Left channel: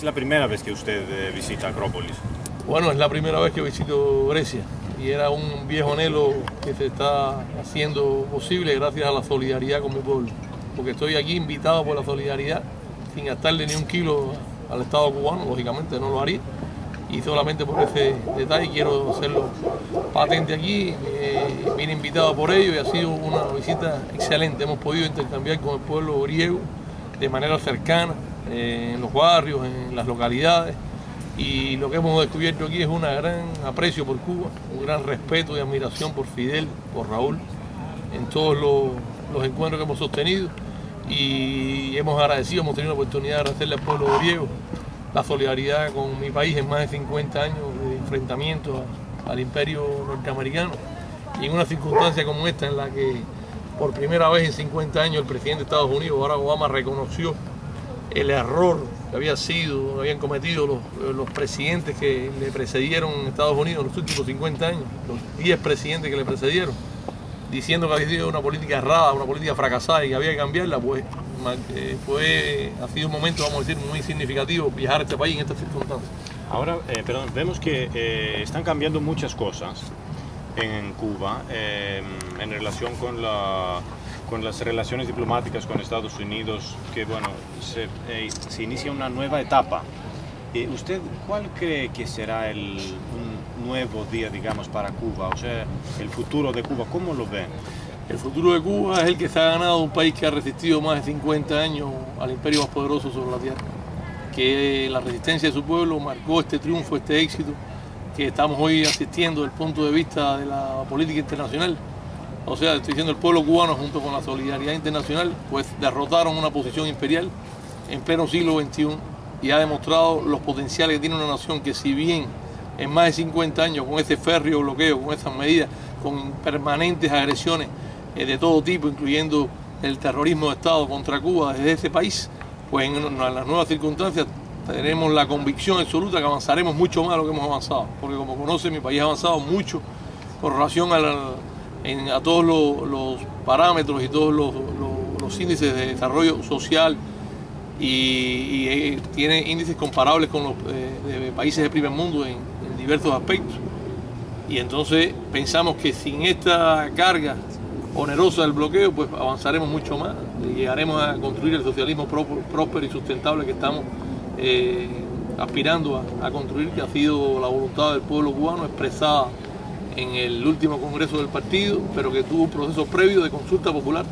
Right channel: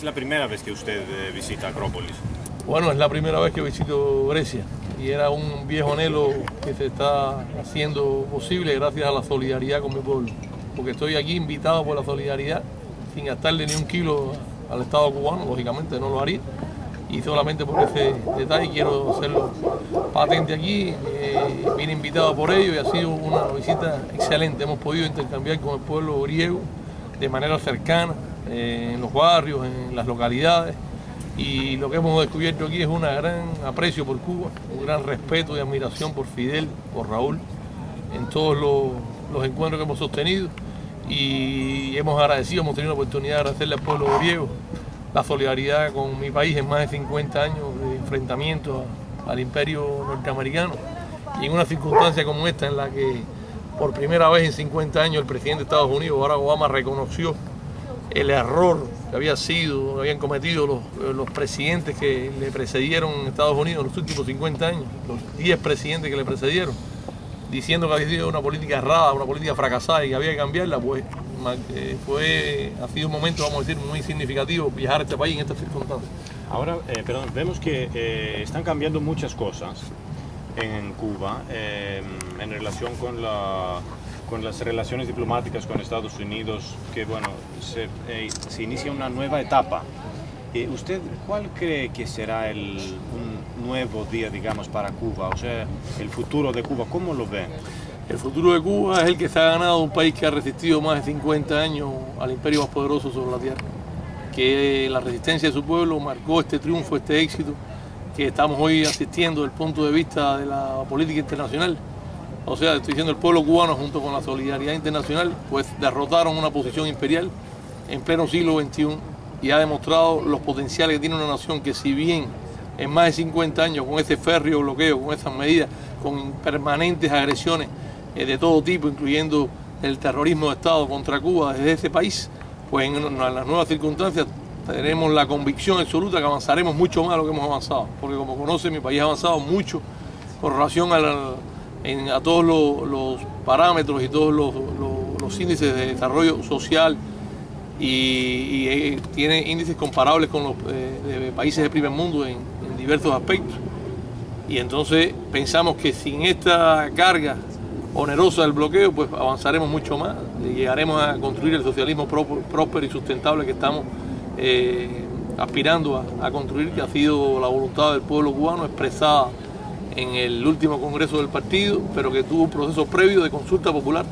¿Es la primera vez que usted visita Acrópolis? Bueno, es la primera vez que visito Grecia y era un viejo anhelo que se está haciendo posible gracias a la solidaridad con mi pueblo. Porque estoy aquí invitado por la solidaridad, sin gastarle ni un kilo al Estado cubano, lógicamente no lo haría. Y solamente por ese detalle quiero hacerlo patente aquí. Vine invitado por ello y ha sido una visita excelente. Hemos podido intercambiar con el pueblo griego de manera cercana, en los barrios, en las localidades. Y lo que hemos descubierto aquí es un gran aprecio por Cuba, un gran respeto y admiración por Fidel, por Raúl, en todos los encuentros que hemos sostenido. Y hemos tenido la oportunidad de agradecerle al pueblo griego la solidaridad con mi país en más de 50 años de enfrentamiento al imperio norteamericano. Y en una circunstancia como esta, en la que por primera vez en 50 años el presidente de Estados Unidos, Barack Obama, reconoció el error que habían cometido los presidentes que le precedieron en Estados Unidos en los últimos 50 años, los 10 presidentes que le precedieron, diciendo que había sido una política errada, una política fracasada y que había que cambiarla, pues ha sido un momento, vamos a decir, muy significativo viajar a este país en estas circunstancias. Ahora, vemos que están cambiando muchas cosas en Cuba en relación con las relaciones diplomáticas con Estados Unidos, que bueno, se inicia una nueva etapa. ¿Usted cuál cree que será un nuevo día, digamos, para Cuba? O sea, el futuro de Cuba, ¿cómo lo ven? El futuro de Cuba es el que se ha ganado un país que ha resistido más de 50 años al imperio más poderoso sobre la tierra. Que la resistencia de su pueblo marcó este triunfo, este éxito que estamos hoy asistiendo desde el punto de vista de la política internacional. O sea, estoy diciendo, el pueblo cubano junto con la solidaridad internacional, pues derrotaron una posición imperial en pleno siglo XXI y ha demostrado los potenciales que tiene una nación que, si bien en más de 50 años con ese férreo bloqueo, con esas medidas, con permanentes agresiones de todo tipo, incluyendo el terrorismo de Estado contra Cuba desde ese país, pues en las nuevas circunstancias tenemos la convicción absoluta que avanzaremos mucho más de lo que hemos avanzado, porque como conoce, mi país ha avanzado mucho con relación a todos los parámetros y todos los índices de desarrollo social y tiene índices comparables con los de países del primer mundo en diversos aspectos. Y entonces pensamos que sin esta carga onerosa del bloqueo, pues avanzaremos mucho más y llegaremos a construir el socialismo próspero y sustentable que estamos aspirando a construir, que ha sido la voluntad del pueblo cubano expresada en el último congreso del partido, pero que tuvo un proceso previo de consulta popular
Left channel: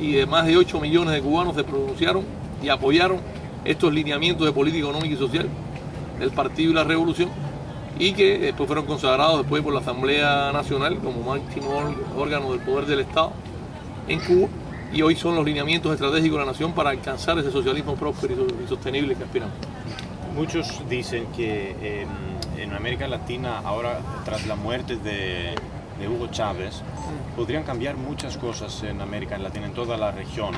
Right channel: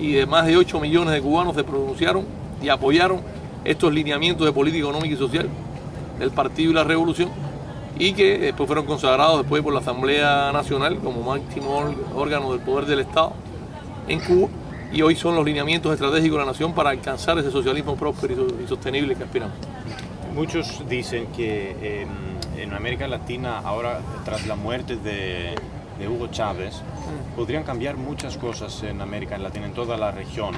y de más de 8 millones de cubanos se pronunciaron y apoyaron estos lineamientos de política económica y social del partido y la revolución, y que después fueron consagrados después por la Asamblea Nacional como máximo órgano del poder del Estado en Cuba, y hoy son los lineamientos estratégicos de la nación para alcanzar ese socialismo próspero y sostenible que aspiramos. Muchos dicen que en América Latina, ahora tras la muerte de Hugo Chávez, podrían cambiar muchas cosas en América Latina, en toda la región.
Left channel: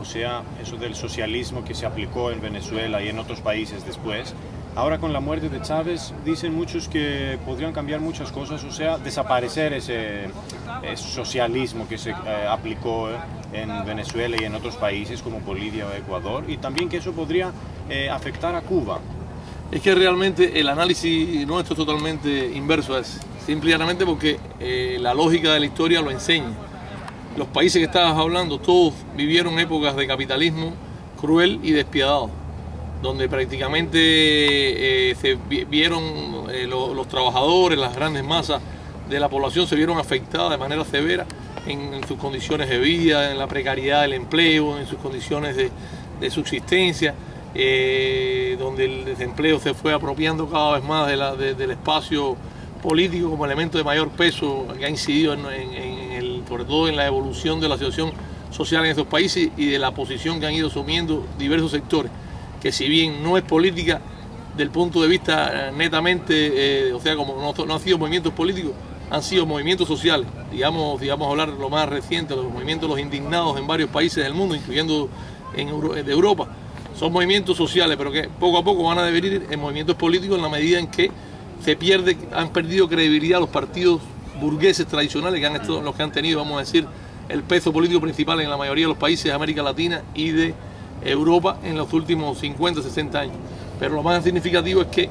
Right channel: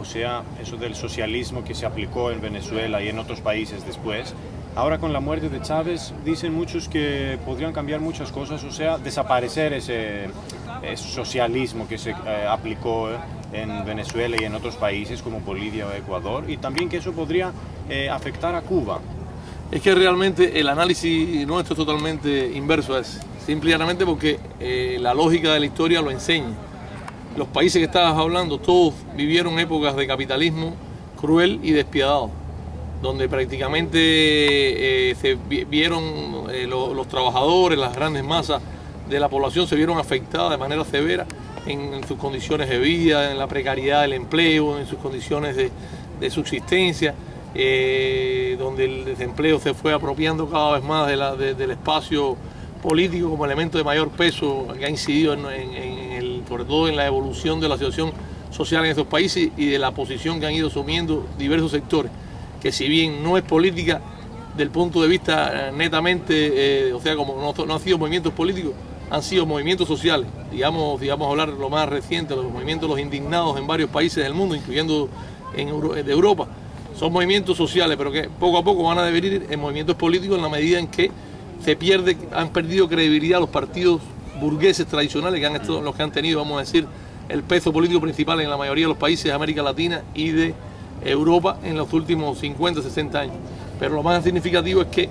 O sea, eso del socialismo que se aplicó en Venezuela y en otros países después. Ahora con la muerte de Chávez dicen muchos que podrían cambiar muchas cosas, o sea, desaparecer ese socialismo que se aplicó en Venezuela y en otros países como Bolivia o Ecuador, y también que eso podría afectar a Cuba. Es que realmente el análisis nuestro es totalmente inverso a eso, simplemente porque la lógica de la historia lo enseña. Los países que estabas hablando, todos vivieron épocas de capitalismo cruel y despiadado, donde prácticamente se vieron los trabajadores, las grandes masas de la población se vieron afectadas de manera severa en sus condiciones de vida, en la precariedad del empleo, en sus condiciones de subsistencia, donde el desempleo se fue apropiando cada vez más del espacio político como elemento de mayor peso que ha incidido sobre todo en la evolución de la situación social en esos países y de la posición que han ido asumiendo diversos sectores, que si bien no es política del punto de vista netamente, o sea, como no han sido movimientos políticos, han sido movimientos sociales, digamos hablar lo más reciente, los movimientos de los indignados en varios países del mundo, incluyendo de Europa, son movimientos sociales, pero que poco a poco van a devenir en movimientos políticos en la medida en que han perdido credibilidad los partidos burgueses tradicionales, que los que han tenido, vamos a decir, el peso político principal en la mayoría de los países de América Latina y de Europa en los últimos 50, 60 años. pero lo más significativo es que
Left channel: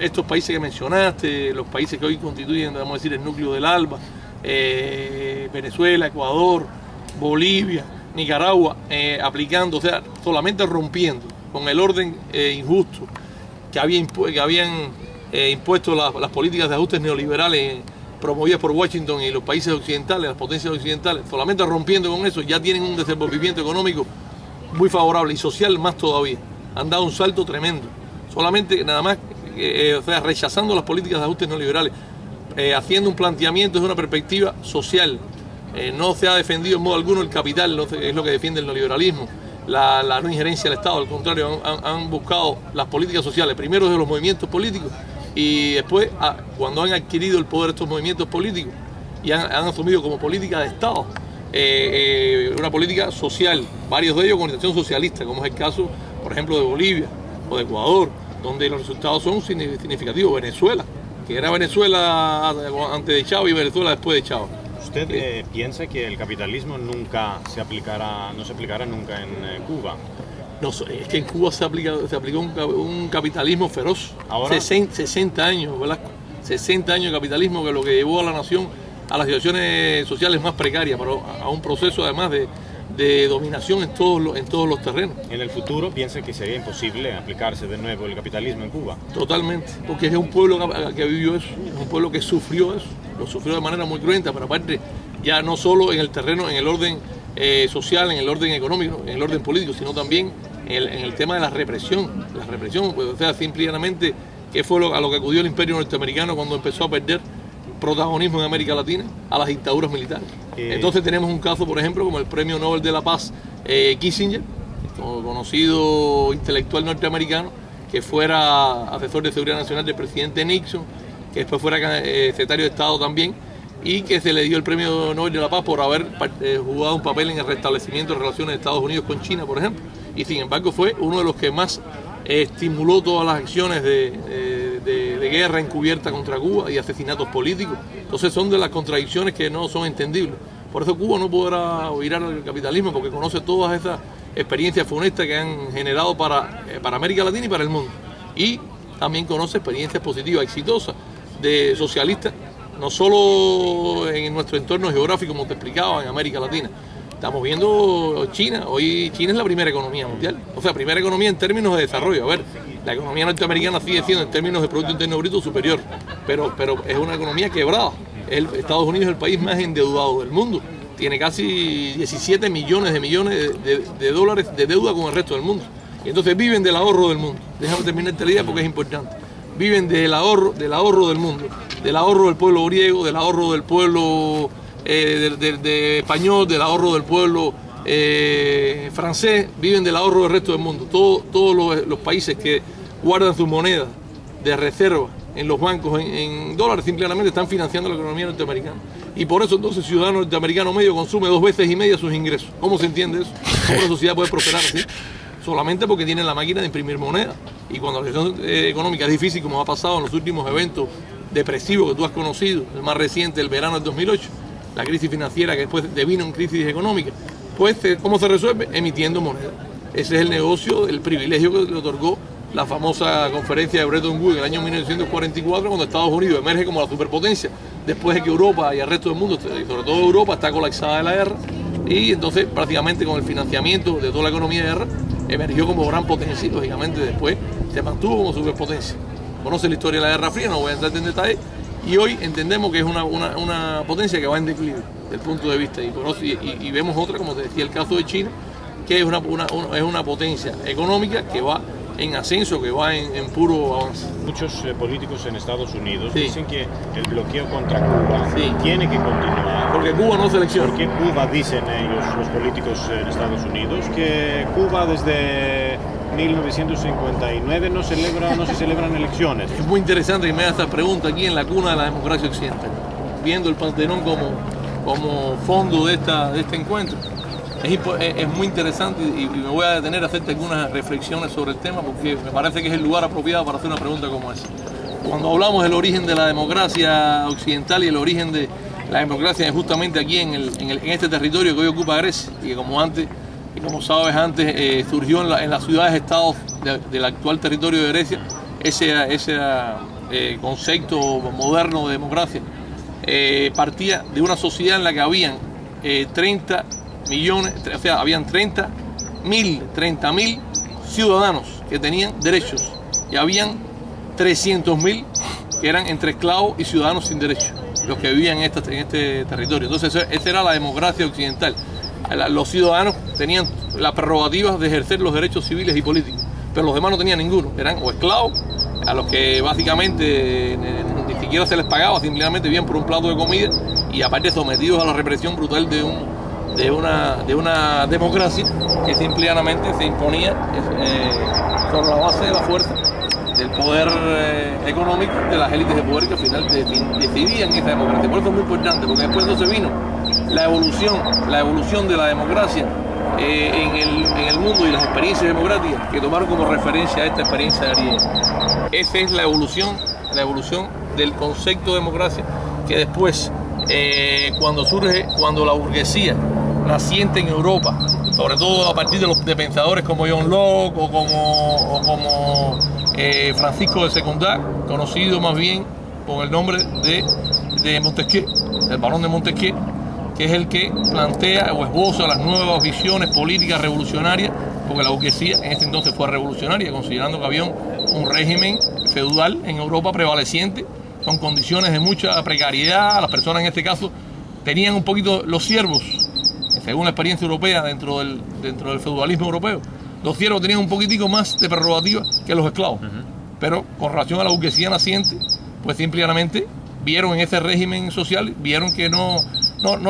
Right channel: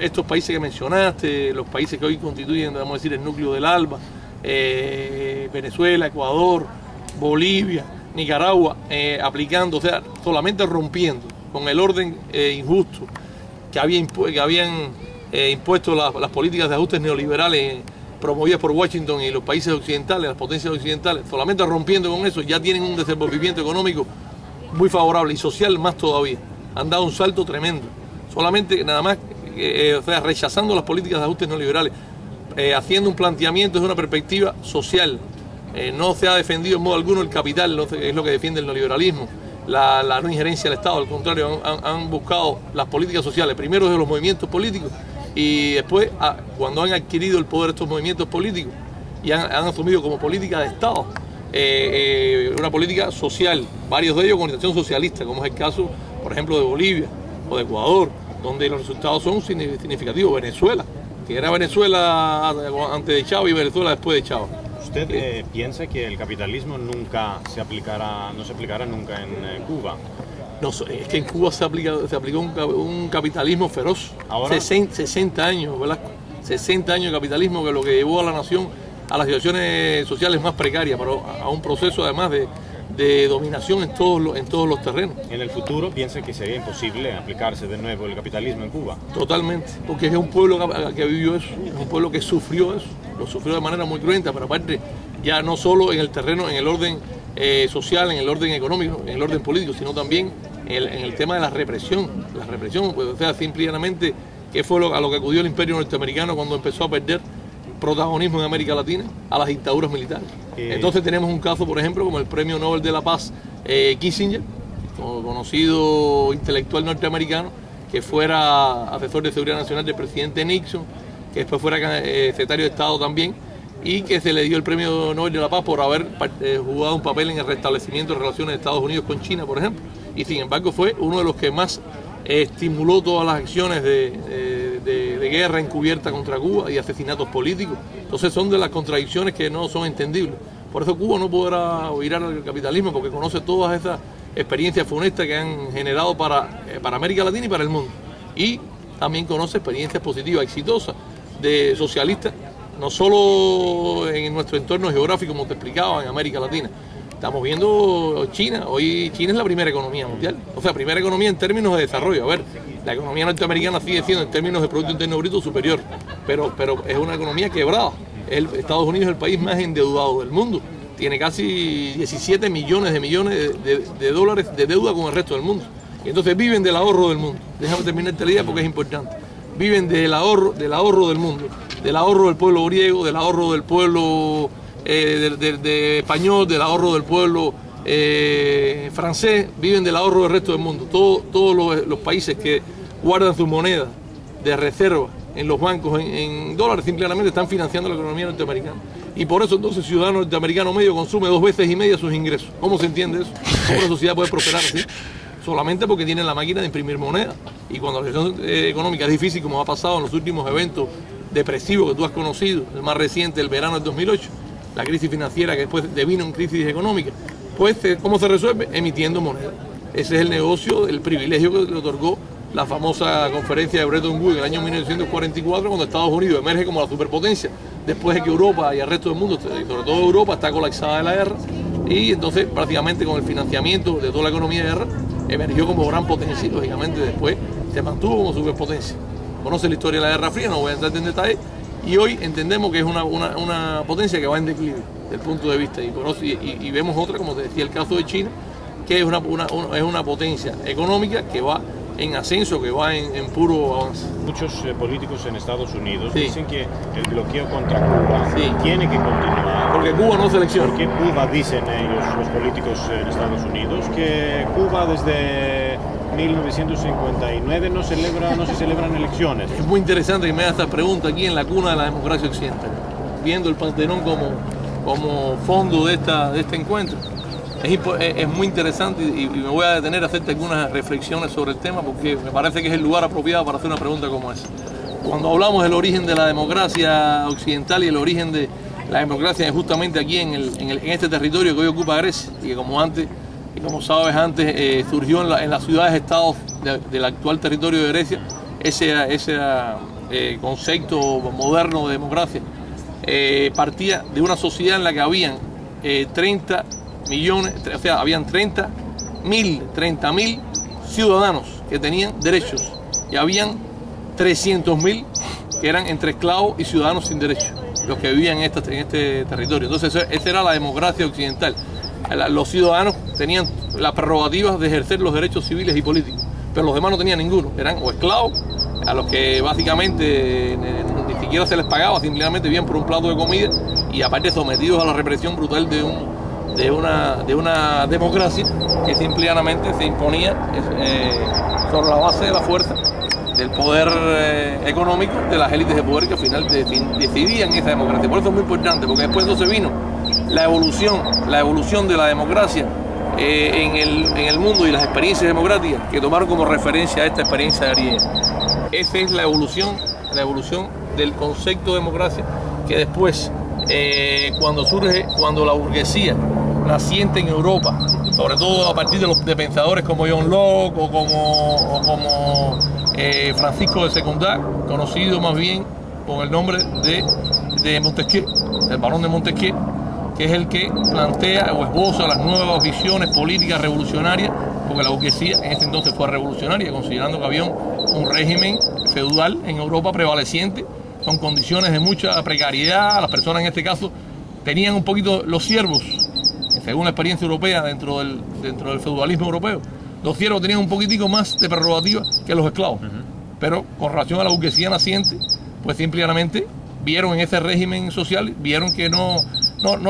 estos países que mencionaste, los países que hoy constituyen, vamos a decir, el núcleo del ALBA, Venezuela, Ecuador, Bolivia, Nicaragua, aplicando, o sea, solamente rompiendo con el orden injusto que habían impuesto las políticas de ajustes neoliberales promovidas por Washington y los países occidentales, las potencias occidentales, solamente rompiendo con eso, ya tienen un desenvolvimiento económico muy favorable y social más todavía. Han dado un salto tremendo. Solamente nada más, o sea, rechazando las políticas de ajustes neoliberales, haciendo un planteamiento desde una perspectiva social. No se ha defendido en modo alguno el capital, es lo que defiende el neoliberalismo, la no injerencia del Estado. Al contrario, han buscado las políticas sociales, primero desde los movimientos políticos y después, cuando han adquirido el poder estos movimientos políticos y han asumido como política de Estado una política social, varios de ellos con orientación socialista, como es el caso, por ejemplo, de Bolivia o de Ecuador, donde los resultados son significativos. Venezuela, que era Venezuela antes de Chávez y Venezuela después de Chávez. ¿Usted piensa que el capitalismo nunca se aplicará, no se aplicará nunca en Cuba? No, es que en Cuba se aplicó un capitalismo feroz. Ahora 60 años, Velasco. 60 años de capitalismo, que es lo que llevó a la nación a las situaciones sociales más precarias, pero a un proceso además de dominación en todos los terrenos. ¿En el futuro piensa que sería imposible aplicarse de nuevo el capitalismo en Cuba? Totalmente, porque es un pueblo que vivió eso, es un pueblo que sufrió eso, lo sufrió de manera muy cruenta, pero aparte ya no solo en el terreno, en el orden social, en el orden económico, en el orden político, sino también en el tema de la represión. La represión, pues, o sea, simplemente, ¿qué fue a lo que acudió el imperio norteamericano cuando empezó a perder protagonismo en América Latina? A las dictaduras militares. Entonces tenemos un caso, por ejemplo, como el Premio Nobel de la Paz Kissinger, conocido intelectual norteamericano, que fuera asesor de seguridad nacional del presidente Nixon, que después fuera secretario de Estado también, y que se le dio el Premio Nobel de la Paz por haber jugado un papel en el restablecimiento de relaciones de Estados Unidos con China, por ejemplo. Y sin embargo fue uno de los que más estimuló todas las acciones de guerra encubierta contra Cuba y asesinatos políticos. Entonces son de las contradicciones que no son entendibles. Por eso Cuba no podrá virar al capitalismo, porque conoce todas esas experiencias funestas que han generado para América Latina y para el mundo. Y también conoce experiencias positivas, exitosas, de socialistas, no solo en nuestro entorno geográfico, como te explicaba, en América Latina. Estamos viendo China. Hoy China es la primera economía mundial. O sea, primera economía en términos de desarrollo. A ver, la economía norteamericana sigue siendo en términos de Producto Interno Bruto superior, pero es una economía quebrada. Estados Unidos es el país más endeudado del mundo. Tiene casi 17 millones de dólares de deuda con el resto del mundo. Y entonces viven del ahorro del mundo. Déjame terminar esta idea porque es importante. Viven del ahorro del mundo, del ahorro del pueblo griego, del ahorro del pueblo de español, del ahorro del pueblo francés, viven del ahorro del resto del mundo. Todos los países que guardan su moneda de reserva en los bancos en dólares simplemente están financiando la economía norteamericana. Y por eso entonces el ciudadano norteamericano medio consume 2 veces y media sus ingresos. ¿Cómo se entiende eso? ¿Cómo una sociedad puede prosperar así? Solamente porque tienen la máquina de imprimir moneda. Y cuando la situación económica es difícil, como ha pasado en los últimos eventos depresivos que tú has conocido, el más reciente, el verano del 2008, la crisis financiera que después devino en crisis económica, pues ¿cómo se resuelve? Emitiendo moneda. Ese es el negocio, el privilegio que le otorgó la famosa conferencia de Bretton Woods en el año 1944, cuando Estados Unidos emerge como la superpotencia, después de que Europa y el resto del mundo, sobre todo Europa, está colapsada de la guerra, y entonces prácticamente con el financiamiento de toda la economía de guerra, emergió como gran potencia y lógicamente después se mantuvo como superpotencia. Conoce la historia de la Guerra Fría, no voy a entrar en detalle, y hoy entendemos que es una potencia que va en declive desde el punto de vista, y vemos otra, como te decía, el caso de China, que es una potencia económica que va en ascenso, que va en puro avance. Muchos políticos en Estados Unidos Sí. dicen que el bloqueo contra Cuba Sí. tiene que continuar. Porque Cuba no selecciona. Porque Cuba, dicen ellos, los políticos en Estados Unidos, que Cuba desde 1959 no se celebran elecciones. Es muy interesante que me haga esta pregunta aquí en la cuna de la democracia occidental, viendo el Partenón como fondo de este encuentro. Es muy interesante y me voy a detener a hacerte algunas reflexiones sobre el tema porque me parece que es el lugar apropiado para hacer una pregunta como esa. Cuando hablamos del origen de la democracia occidental y el origen de la democracia justamente aquí en este territorio que hoy ocupa Grecia y que como antes que como sabes antes surgió en las ciudades-estados del actual territorio de Grecia, ese concepto moderno de democracia. Partía de una sociedad en la que habían 30 millones, o sea, habían 30.000 ciudadanos que tenían derechos y habían 300.000 que eran entre esclavos y ciudadanos sin derechos, los que vivían en este territorio. Entonces esa era la democracia occidental. Los ciudadanos tenían las prerrogativas de ejercer los derechos civiles y políticos, pero los demás no tenían ninguno, eran o esclavos, a los que básicamente ni siquiera se les pagaba, simplemente vivían por un plato de comida y aparte sometidos a la represión brutal de una democracia que simplemente se imponía sobre la base de la fuerza, del poder económico, de las élites de poder que al final decidían esa democracia. Por eso es muy importante, porque después entonces vino la evolución de la democracia en el mundo y las experiencias democráticas que tomaron como referencia a esta experiencia griega. Esa es la evolución del concepto de democracia que después, cuando la burguesía naciente en Europa, sobre todo a partir de pensadores como John Locke o como Francisco de Secundá, conocido más bien con el nombre de Montesquieu, el barón de Montesquieu, que es el que plantea o esboza las nuevas visiones políticas revolucionarias, porque la burguesía en ese entonces fue revolucionaria, considerando que había un régimen feudal en Europa prevaleciente, con condiciones de mucha precariedad. Las personas en este caso tenían un poquito los siervos, según la experiencia europea dentro del feudalismo europeo, los siervos tenían un poquitico más de prerrogativa que los esclavos, pero con relación a la burguesía naciente, pues simplemente vieron en ese régimen social, vieron que no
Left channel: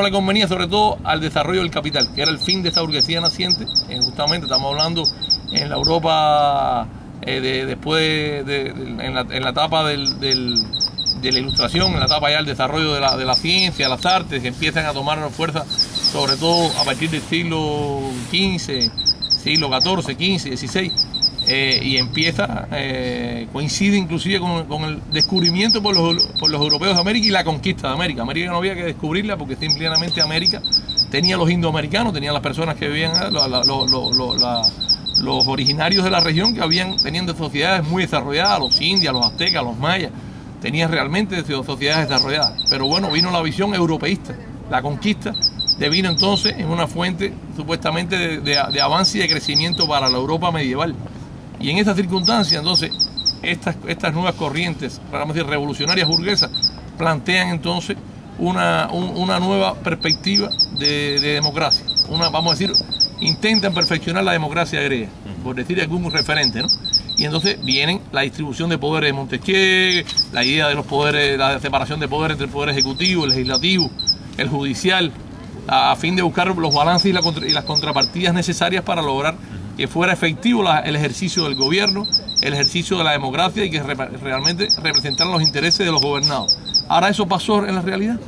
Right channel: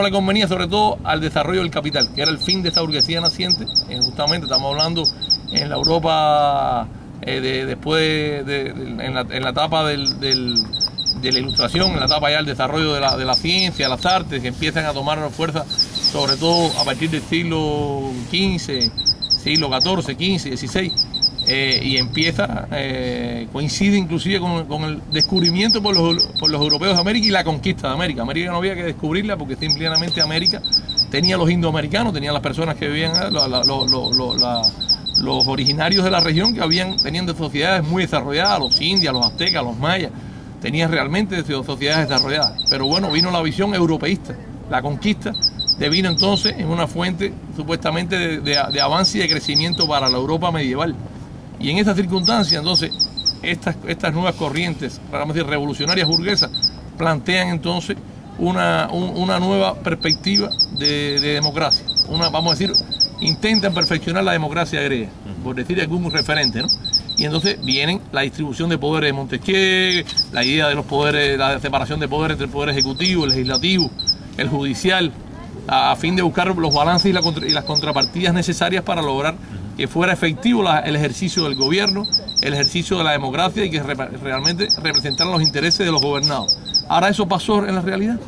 le convenía, sobre todo al desarrollo del capital, que era el fin de esa burguesía naciente. Justamente estamos hablando en la Europa después en la etapa de la ilustración, en la etapa ya del desarrollo de la ciencia, las artes, que empiezan a tomar fuerza, sobre todo a partir del siglo XV, siglo XIV, XV, XVI, y empieza, coincide inclusive con el descubrimiento por los europeos de América y la conquista de América. América no había que descubrirla porque simplemente América tenía los indoamericanos, tenía las personas que vivían, los originarios de la región que tenían de sociedades muy desarrolladas, los indios, los aztecas, los mayas, tenían realmente sociedades desarrolladas. Pero bueno, vino la visión europeísta, la conquista devino entonces en una fuente supuestamente de avance y de crecimiento para la Europa medieval. Y en esa circunstancia, entonces, estas nuevas corrientes, vamos a decir, revolucionarias burguesas, plantean entonces una nueva perspectiva de democracia. Vamos a decir, intentan perfeccionar la democracia griega, por decir algún referente, ¿no? Y entonces vienen la distribución de poderes de Montesquieu, la idea de los poderes, la separación de poderes entre el poder ejecutivo, el legislativo, el judicial, a fin de buscar los balances y las contrapartidas necesarias para lograr que fuera efectivo el ejercicio del gobierno, el ejercicio de la democracia y que realmente representaran los intereses de los gobernados. Ahora eso pasó en la realidad.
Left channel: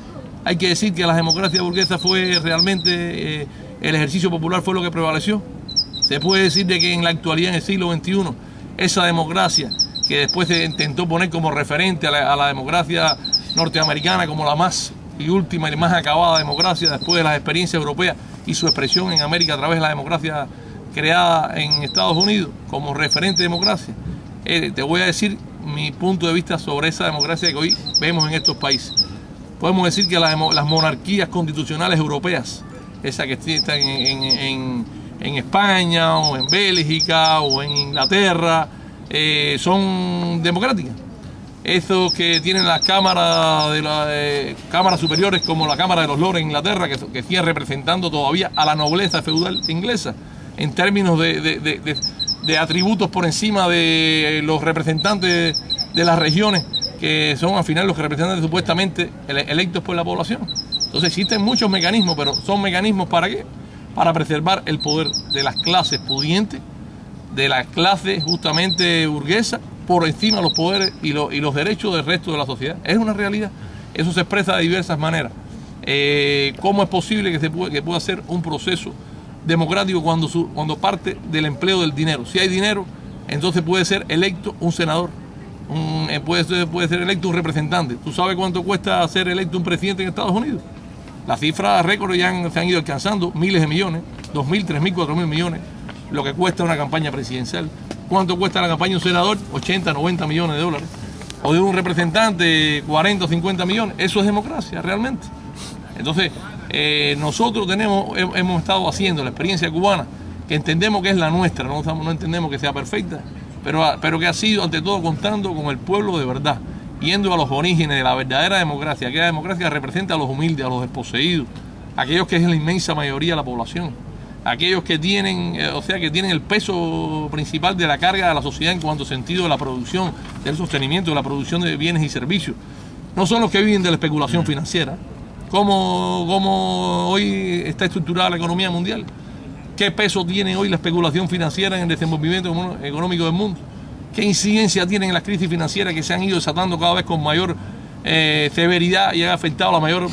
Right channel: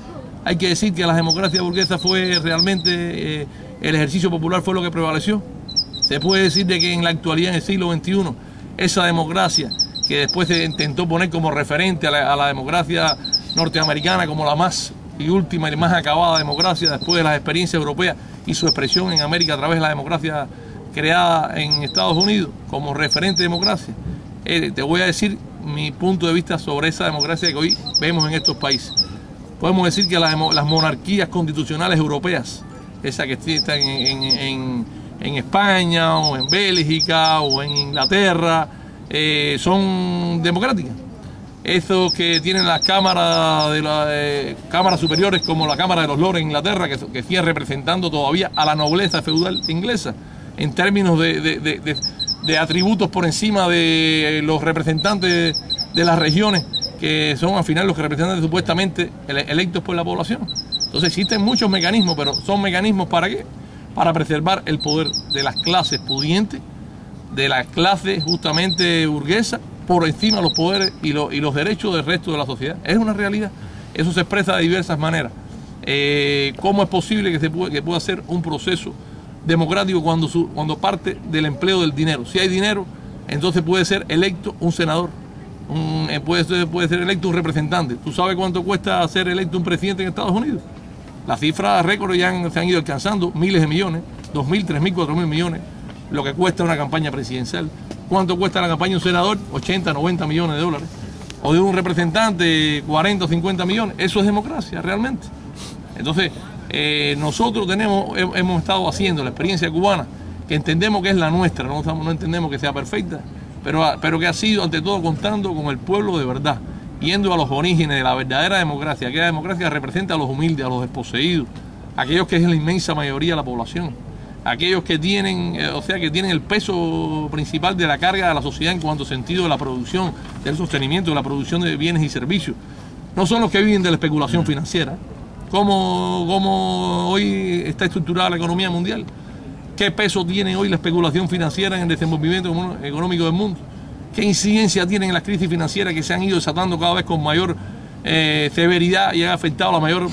Hay que decir que la democracia burguesa fue realmente, el ejercicio popular fue lo que prevaleció. Se puede decir de que en la actualidad, en el siglo XXI, esa democracia que después se intentó poner como referente a la democracia norteamericana como la más y última y más acabada democracia después de las experiencias europeas y su expresión en América a través de la democracia creada en Estados Unidos como referente de democracia. Te voy a decir mi punto de vista sobre esa democracia que hoy vemos en estos países. Podemos decir que las monarquías constitucionales europeas, esas que están en España o en Bélgica o en Inglaterra, son democráticas. Esos que tienen las cámaras cámaras superiores como la Cámara de los Lores en Inglaterra, que siguen representando todavía a la nobleza feudal inglesa, en términos de atributos por encima de los representantes de las regiones, que son al final los que representan supuestamente electos por la población. Entonces existen muchos mecanismos, pero ¿son mecanismos para qué? Para preservar el poder de las clases pudientes, de las clases justamente burguesas, por encima de los poderes y los derechos del resto de la sociedad. Es una realidad. Eso se expresa de diversas maneras. ¿Cómo es posible que pueda ser un proceso democrático cuando parte del empleo del dinero? Si hay dinero, entonces puede ser electo un senador, puede ser electo un representante. ¿Tú sabes cuánto cuesta ser electo un presidente en Estados Unidos? Las cifras récord ya se han ido alcanzando miles de millones, 2.000, 3.000, 4.000 millones, lo que cuesta una campaña presidencial. ¿Cuánto cuesta la campaña de un senador? 80, 90 millones de dólares. O de un representante, 40 o 50 millones. Eso es democracia, realmente. Entonces, nosotros hemos estado haciendo la experiencia cubana, que entendemos que es la nuestra, no entendemos que sea perfecta, pero que ha sido ante todo contando con el pueblo de verdad, yendo a los orígenes de la verdadera democracia, aquella democracia que representa a los humildes, a los desposeídos, aquellos que es la inmensa mayoría de la población, aquellos que tienen, que tienen el peso principal de la carga de la sociedad en cuanto sentido de la producción, del sostenimiento, de la producción de bienes y servicios. No son los que viven de la especulación financiera. ¿Cómo hoy está estructurada la economía mundial? ¿Qué peso tiene hoy la especulación financiera en el desenvolvimiento económico del mundo? ¿Qué incidencia tienen las crisis financieras que se han ido desatando cada vez con mayor severidad y han afectado a la mayor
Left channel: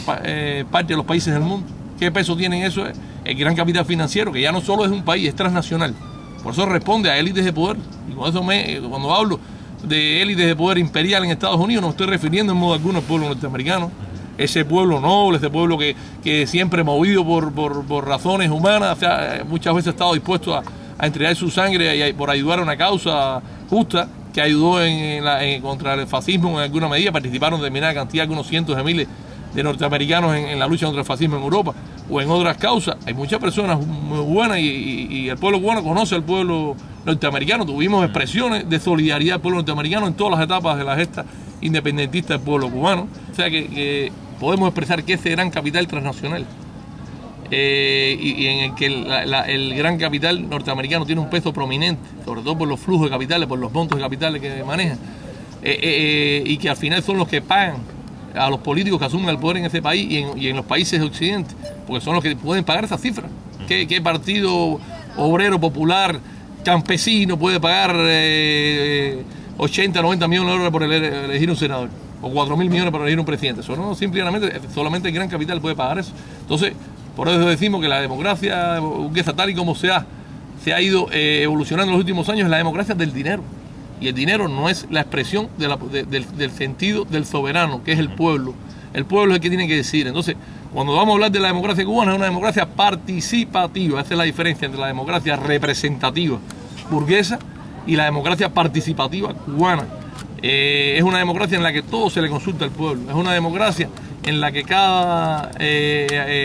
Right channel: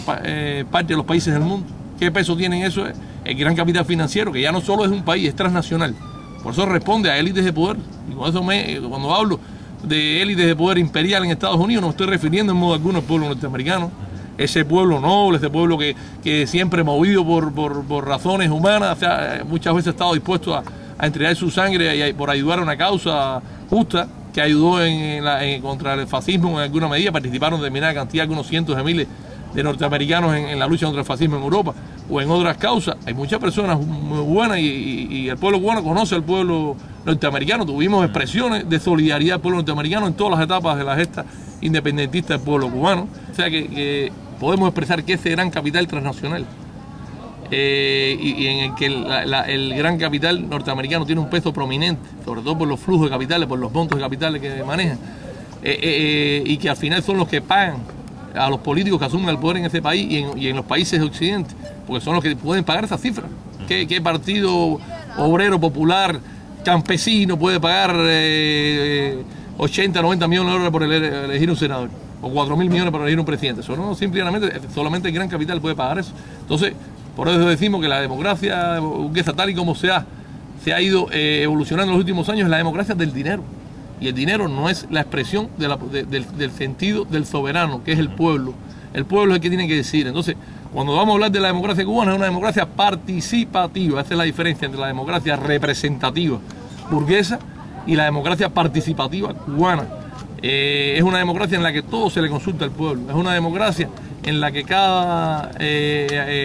parte de los países del mundo? ¿Qué peso tiene eso? El gran capital financiero, que ya no solo es un país, es transnacional. Por eso responde a élites de poder. Y con eso cuando hablo de élites de poder imperial en Estados Unidos, no me estoy refiriendo en modo alguno al pueblo norteamericano. Ese pueblo noble, ese pueblo que siempre movido por razones humanas, muchas veces ha estado dispuesto a entregar su sangre por ayudar a una causa justa, que ayudó contra el fascismo en alguna medida. Participaron determinada cantidad, algunos cientos de miles de norteamericanos en la lucha contra el fascismo en Europa o en otras causas. Hay muchas personas muy buenas y el pueblo cubano conoce al pueblo norteamericano. Tuvimos expresiones de solidaridad del pueblo norteamericano en todas las etapas de la gesta independentista del pueblo cubano. O sea que podemos expresar que ese gran capital transnacional y en el que el gran capital norteamericano tiene un peso prominente, sobre todo por los flujos de capitales, por los montos de capitales que manejan, y que al final son los que pagan a los políticos que asumen el poder en ese país y en los países de Occidente, porque son los que pueden pagar esas cifras. ¿Qué partido obrero, popular, campesino puede pagar 80, 90 millones de dólares por elegir un senador? O 4.000 millones para elegir un presidente. Eso no, simplemente, solamente el gran capital puede pagar eso. Entonces, por eso decimos que la democracia burguesa, tal y como se ha ido evolucionando en los últimos años, es la democracia del dinero. Y el dinero no es la expresión del sentido del soberano, que es el pueblo. El pueblo es el que tiene que decidir. Entonces, cuando vamos a hablar de la democracia cubana, es una democracia participativa. Esa es la diferencia entre la democracia representativa burguesa y la democracia participativa cubana. Es una democracia en la que todo se le consulta al pueblo. Es una democracia en la que cada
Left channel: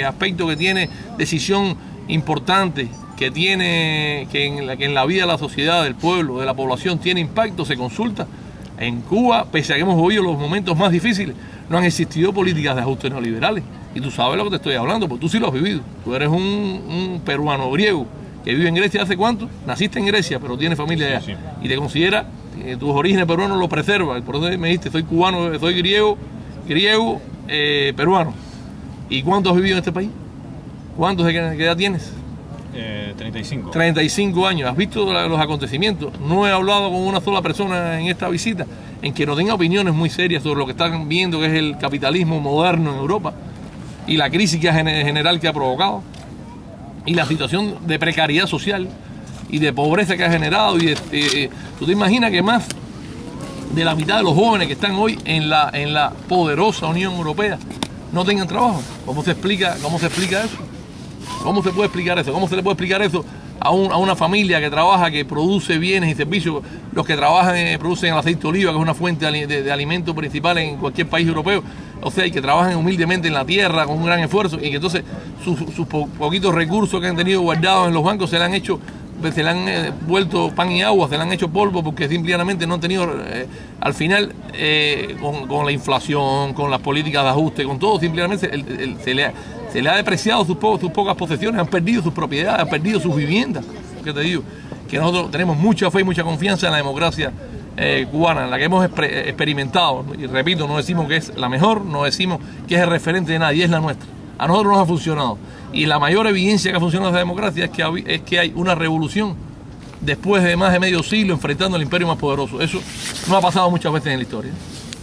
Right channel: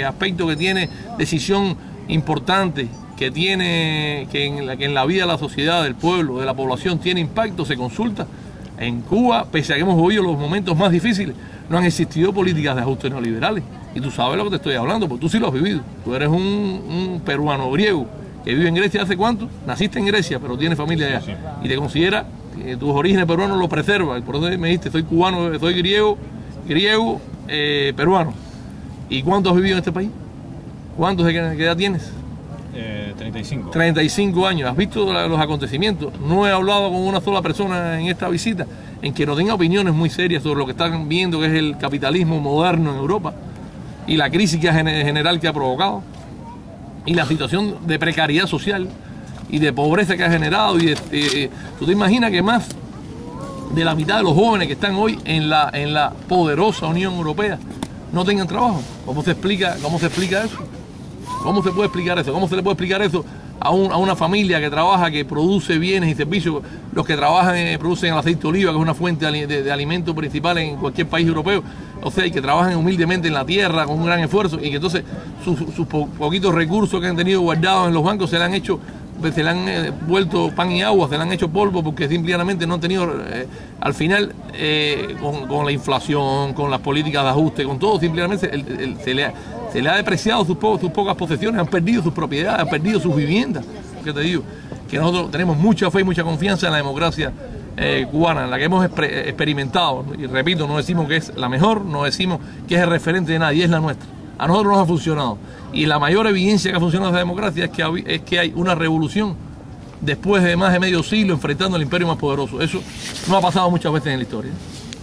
aspecto que tiene decisión importante, que en la vida de la sociedad, del pueblo, de la población, tiene impacto, se consulta. En Cuba, pese a que hemos vivido los momentos más difíciles, no han existido políticas de ajuste neoliberales. Y tú sabes lo que te estoy hablando, porque tú sí lo has vivido. Tú eres un peruano griego que vive en Grecia. ¿Hace cuánto? Naciste en Grecia, pero tienes familia allá. Sí. Y te considera tus orígenes peruanos lo preservan. Por eso me dijiste, soy cubano, soy griego, peruano. ¿Y cuánto has vivido en este país? ¿Cuántos de qué edad tienes? 35. 35 años. ¿Has visto los acontecimientos? No he hablado con una sola persona en esta visita en que no tenga opiniones muy serias sobre lo que están viendo, que es el capitalismo moderno en Europa y la crisis general que ha provocado y la situación de precariedad social y de pobreza que ha generado. ¿Tú te imaginas que más de la mitad de los jóvenes que están hoy en la poderosa Unión Europea no tengan trabajo? ¿Cómo se explica eso? ¿Cómo se puede explicar eso? ¿Cómo se le puede explicar eso a una familia que trabaja, que produce bienes y servicios? Los que trabajan producen el aceite de oliva, que es una fuente de alimento principal en cualquier país europeo. O sea, y que trabajan humildemente en la tierra con un gran esfuerzo, y que entonces sus poquitos recursos que han tenido guardados en los bancos se le han vuelto pan y agua, se le han hecho polvo, porque simplemente no han tenido, al final, con la inflación, con las políticas de ajuste, con todo, simplemente se le ha depreciado sus pocas posesiones, han perdido sus propiedades, han perdido sus viviendas. ¿Qué te digo? Que nosotros tenemos mucha fe y mucha confianza en la democracia cubana, en la que hemos experimentado. Y repito, no decimos que es la mejor, no decimos que es el referente de nadie, es la nuestra. A nosotros nos ha funcionado. Y la mayor evidencia que ha funcionado esa democracia es que hay una revolución después de más de medio siglo enfrentando al imperio más poderoso. Eso no ha pasado muchas veces en la historia.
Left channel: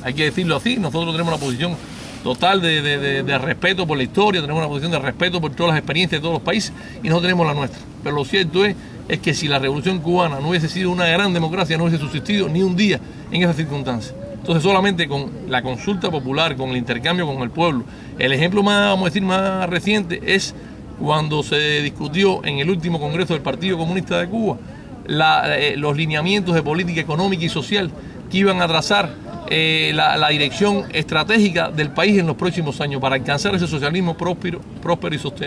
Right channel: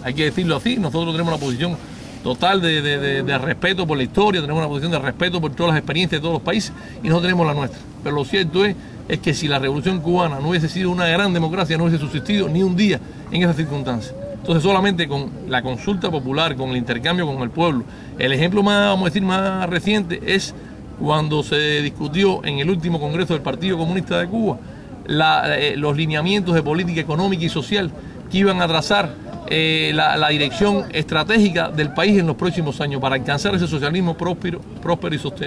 Hay que decirlo así. Nosotros tenemos una posición total de respeto por la historia, tenemos una posición de respeto por todas las experiencias de todos los países, y no tenemos la nuestra. Pero lo cierto es que si la revolución cubana no hubiese sido una gran democracia, no hubiese subsistido ni un día en esas circunstancias. Entonces solamente con la consulta popular, con el intercambio con el pueblo. El ejemplo más, vamos a decir, más reciente es cuando se discutió en el último Congreso del Partido Comunista de Cuba los lineamientos de política económica y social que iban a trazar la dirección estratégica del país en los próximos años para alcanzar ese socialismo próspero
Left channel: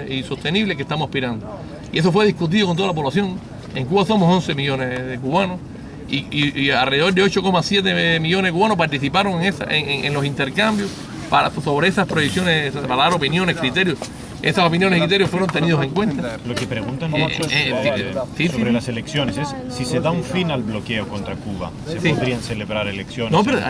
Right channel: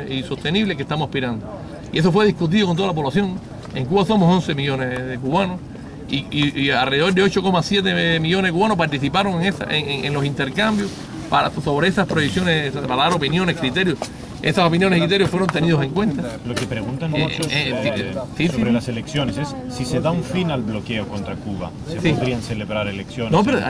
y sostenible que estamos aspirando. Y eso fue discutido con toda la población. En Cuba somos 11 millones de cubanos y alrededor de 8,7 millones de cubanos participaron en los intercambios sobre esas proyecciones, para dar opiniones, criterios. Esas opiniones y criterios fueron tenidos en cuenta. Lo que preguntan muchos sobre las elecciones es si se da un fin al bloqueo contra Cuba, ¿se podrían celebrar elecciones? No, pero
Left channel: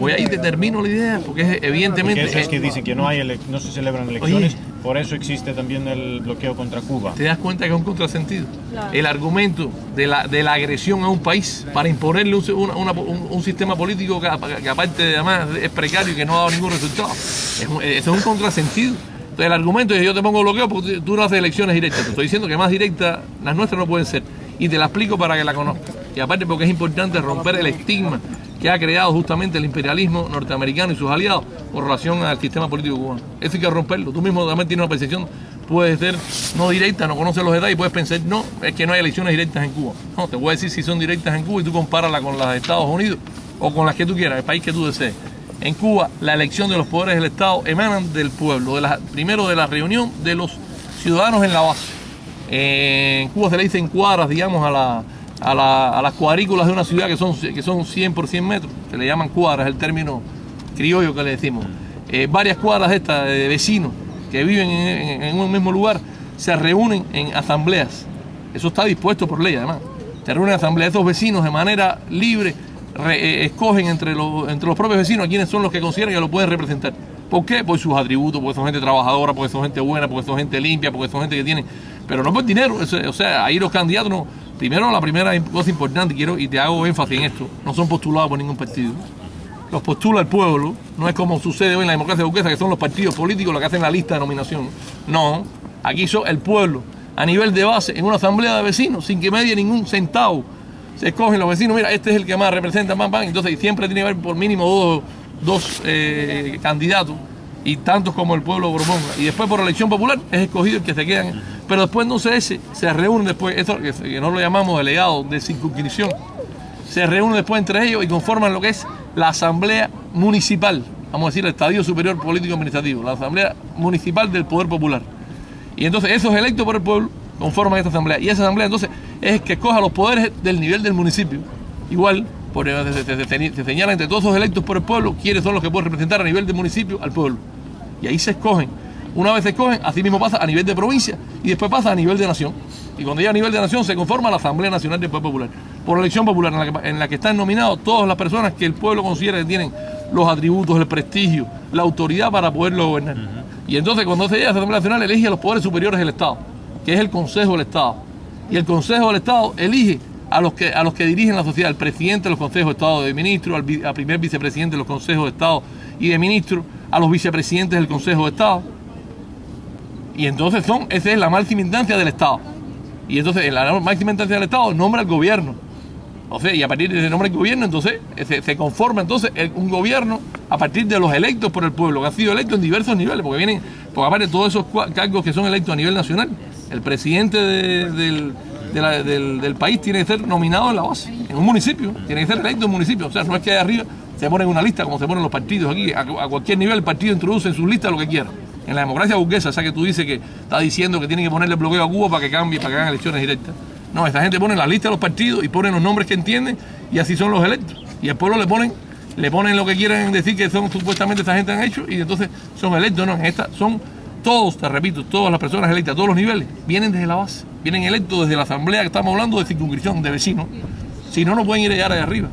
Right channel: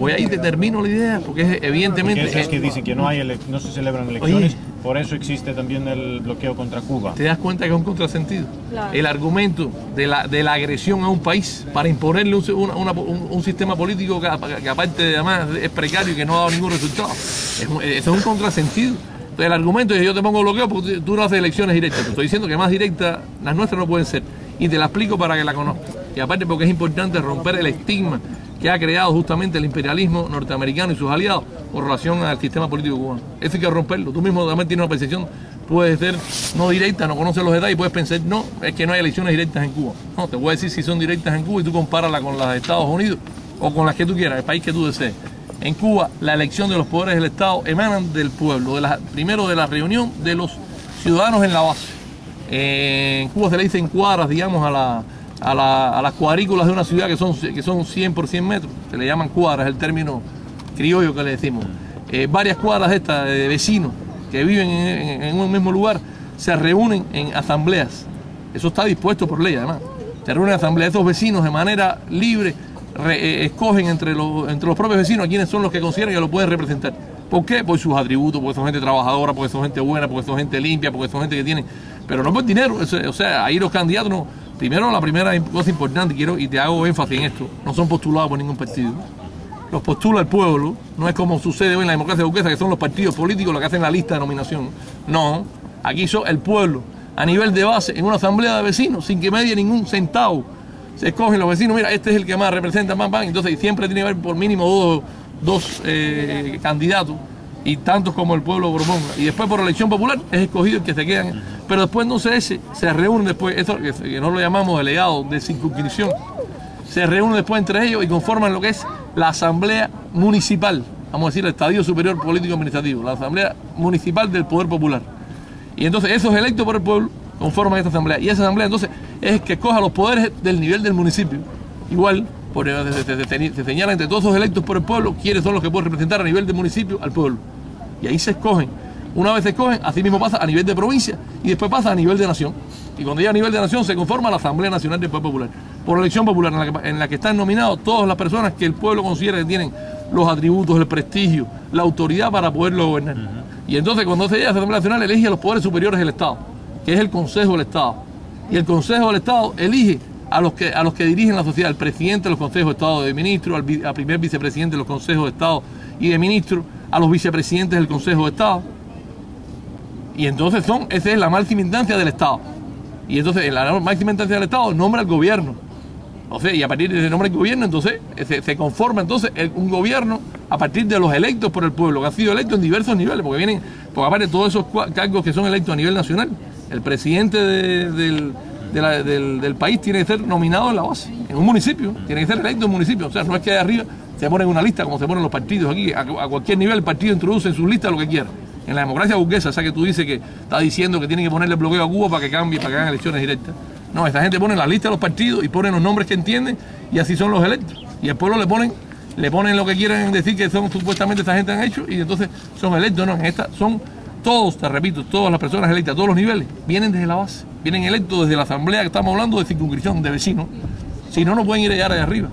voy ahí te termino la idea, porque evidentemente... Porque es que dicen que no se celebran elecciones, por eso existe también el bloqueo contra Cuba. ¿Te das cuenta que es un contrasentido? Claro. El argumento de la agresión a un país para imponerle un sistema político que aparte de además es precario y que no ha dado ningún resultado. Eso es un contrasentido. Entonces, el argumento es que yo te pongo bloqueo porque tú no haces elecciones directas. Te estoy diciendo que más directas las nuestras no pueden ser. Y te la explico para que la conozcas. Y aparte porque es importante romper el estigma que ha creado justamente el imperialismo norteamericano y sus aliados con relación al sistema político cubano. Eso hay que romperlo. Tú mismo también tienes una percepción, puede ser no directa, no conoces los detalles y puedes pensar, no, es que no hay elecciones directas en Cuba. No, te voy a decir si son directas en Cuba y tú compárala con las de Estados Unidos o con las que tú quieras, el país que tú desees. En Cuba, la elección de los poderes del Estado emanan del pueblo, primero de la reunión de los ciudadanos en la base. En Cuba se le dicen cuadras, digamos, a las cuadrículas de una ciudad que son 100 por 100 metros. Se le llaman cuadras, es el término criollo que le decimos. Varias cuadras estas de vecinos que viven en un mismo lugar se reúnen en asambleas. Eso está dispuesto por ley, además. Se reúnen en asambleas. Estos vecinos de manera libre escogen entre los propios vecinos a quienes son los que consideran que lo pueden representar. ¿Por qué? Por sus atributos, porque son gente trabajadora, porque son gente buena, porque son gente limpia, porque son gente que tiene... Pero no por dinero, o sea, ahí los candidatos no... Primero, la primera cosa importante, y te hago énfasis en esto, no son postulados por ningún partido. Los postula el pueblo, no es como sucede hoy en la democracia burguesa, que son los partidos políticos los que hacen la lista de nominación. No, aquí son el pueblo, a nivel de base, en una asamblea de vecinos, sin que medie ningún centavo. Se escogen los vecinos, mira, este es el que más representa, entonces siempre tiene que haber por mínimo dos candidatos y tantos como el pueblo proponga. Y después por elección popular es escogido el que se quedan. Pero después no se reúnen después, esto que no lo llamamos delegado de circunscripción, se reúnen después entre ellos y conforman lo que es la asamblea municipal, vamos a decir el estadio superior político administrativo, la asamblea municipal del poder popular. Y entonces esos electos por el pueblo conforman esta asamblea. Y esa asamblea entonces es el que escoja los poderes del nivel del municipio. Igual, se señala entre todos esos electos por el pueblo quiénes son los que pueden representar a nivel del municipio al pueblo. Y ahí se escogen. Una vez se escogen, así mismo pasa a nivel de provincia y después pasa a nivel de nación. Y cuando llega a nivel de nación se conforma la Asamblea Nacional del Poder Popular. Por elección popular, en la que están nominados todas las personas que el pueblo considera que tienen los atributos, el prestigio, la autoridad para poderlo gobernar. Y entonces cuando se llega a la Asamblea Nacional elige a los poderes superiores del Estado, que es el Consejo del Estado. Y el Consejo del Estado elige a los que dirigen la sociedad, al presidente de los consejos de Estado de ministros, al primer vicepresidente de los consejos de Estado y de ministros, a los vicepresidentes del Consejo de Estado. Y entonces esa es la máxima instancia del Estado. Y entonces en la máxima instancia del Estado nombra al gobierno. O sea, y a partir de ese nombre del gobierno, entonces se conforma entonces un gobierno a partir de los electos por el pueblo, que han sido electos en diversos niveles, porque aparte de todos esos cargos que son electos a nivel nacional, el presidente del país tiene que ser nominado en la base, en un municipio, tiene que ser electo en un municipio. O sea, no es que de arriba se pone en una lista como se ponen los partidos aquí, a cualquier nivel el partido introduce en su lista lo que quiera. En la democracia burguesa, esa que tú dices que está diciendo que tiene que ponerle bloqueo a Cuba para que cambie, para que hagan elecciones directas. No, esta gente pone la lista de los partidos y ponen los nombres que entienden y así son los electos. Y al pueblo le ponen lo que quieren decir que son supuestamente esta gente han hecho y entonces son electos. No, en esta son todos, te repito, todas las personas electas a todos los niveles, vienen desde la base, vienen electos desde la asamblea que estamos hablando de circunscripción, de vecinos. Si no, no pueden ir a llegar de arriba.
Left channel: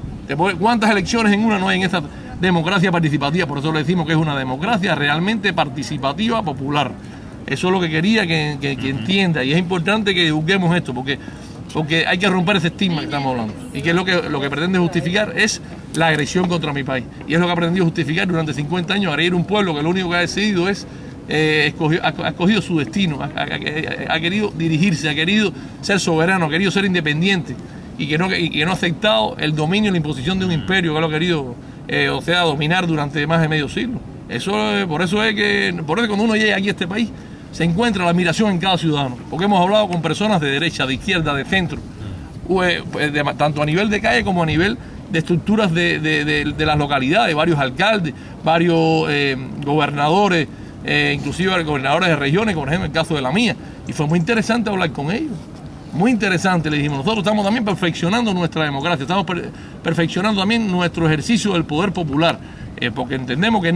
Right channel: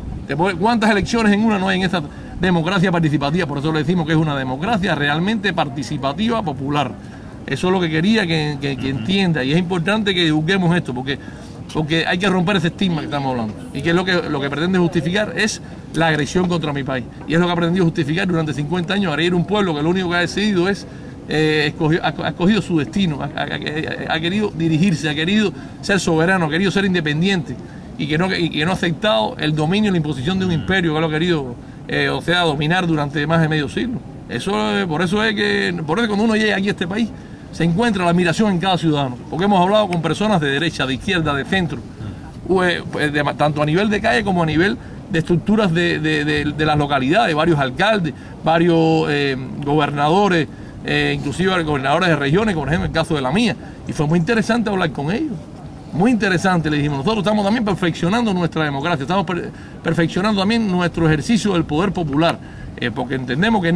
¿Cuántas elecciones en una no hay en esta democracia participativa? Por eso le decimos que es una democracia realmente participativa popular. Eso es lo que quería que entienda, y es importante que divulguemos esto, porque hay que romper ese estigma que estamos hablando. Y que es lo que pretende justificar es la agresión contra mi país. Y es lo que ha pretendido justificar durante 50 años, agredir un pueblo que lo único que ha decidido es, ha escogido su destino, ha querido dirigirse, ha querido ser soberano, ha querido ser independiente, y que no ha aceptado el dominio y la imposición de un imperio que lo ha querido dominar durante más de medio siglo. Por eso cuando uno llega aquí a este país se encuentra la admiración en cada ciudadano, porque hemos hablado con personas de derecha, de izquierda, de centro, tanto a nivel de calle como a nivel de estructuras de las localidades, varios alcaldes, varios gobernadores, inclusive gobernadores de regiones, por ejemplo el caso de la mía, y fue muy interesante hablar con ellos. Muy interesante, le dijimos, nosotros estamos también perfeccionando nuestra democracia, estamos perfeccionando también nuestro ejercicio del poder popular, porque entendemos que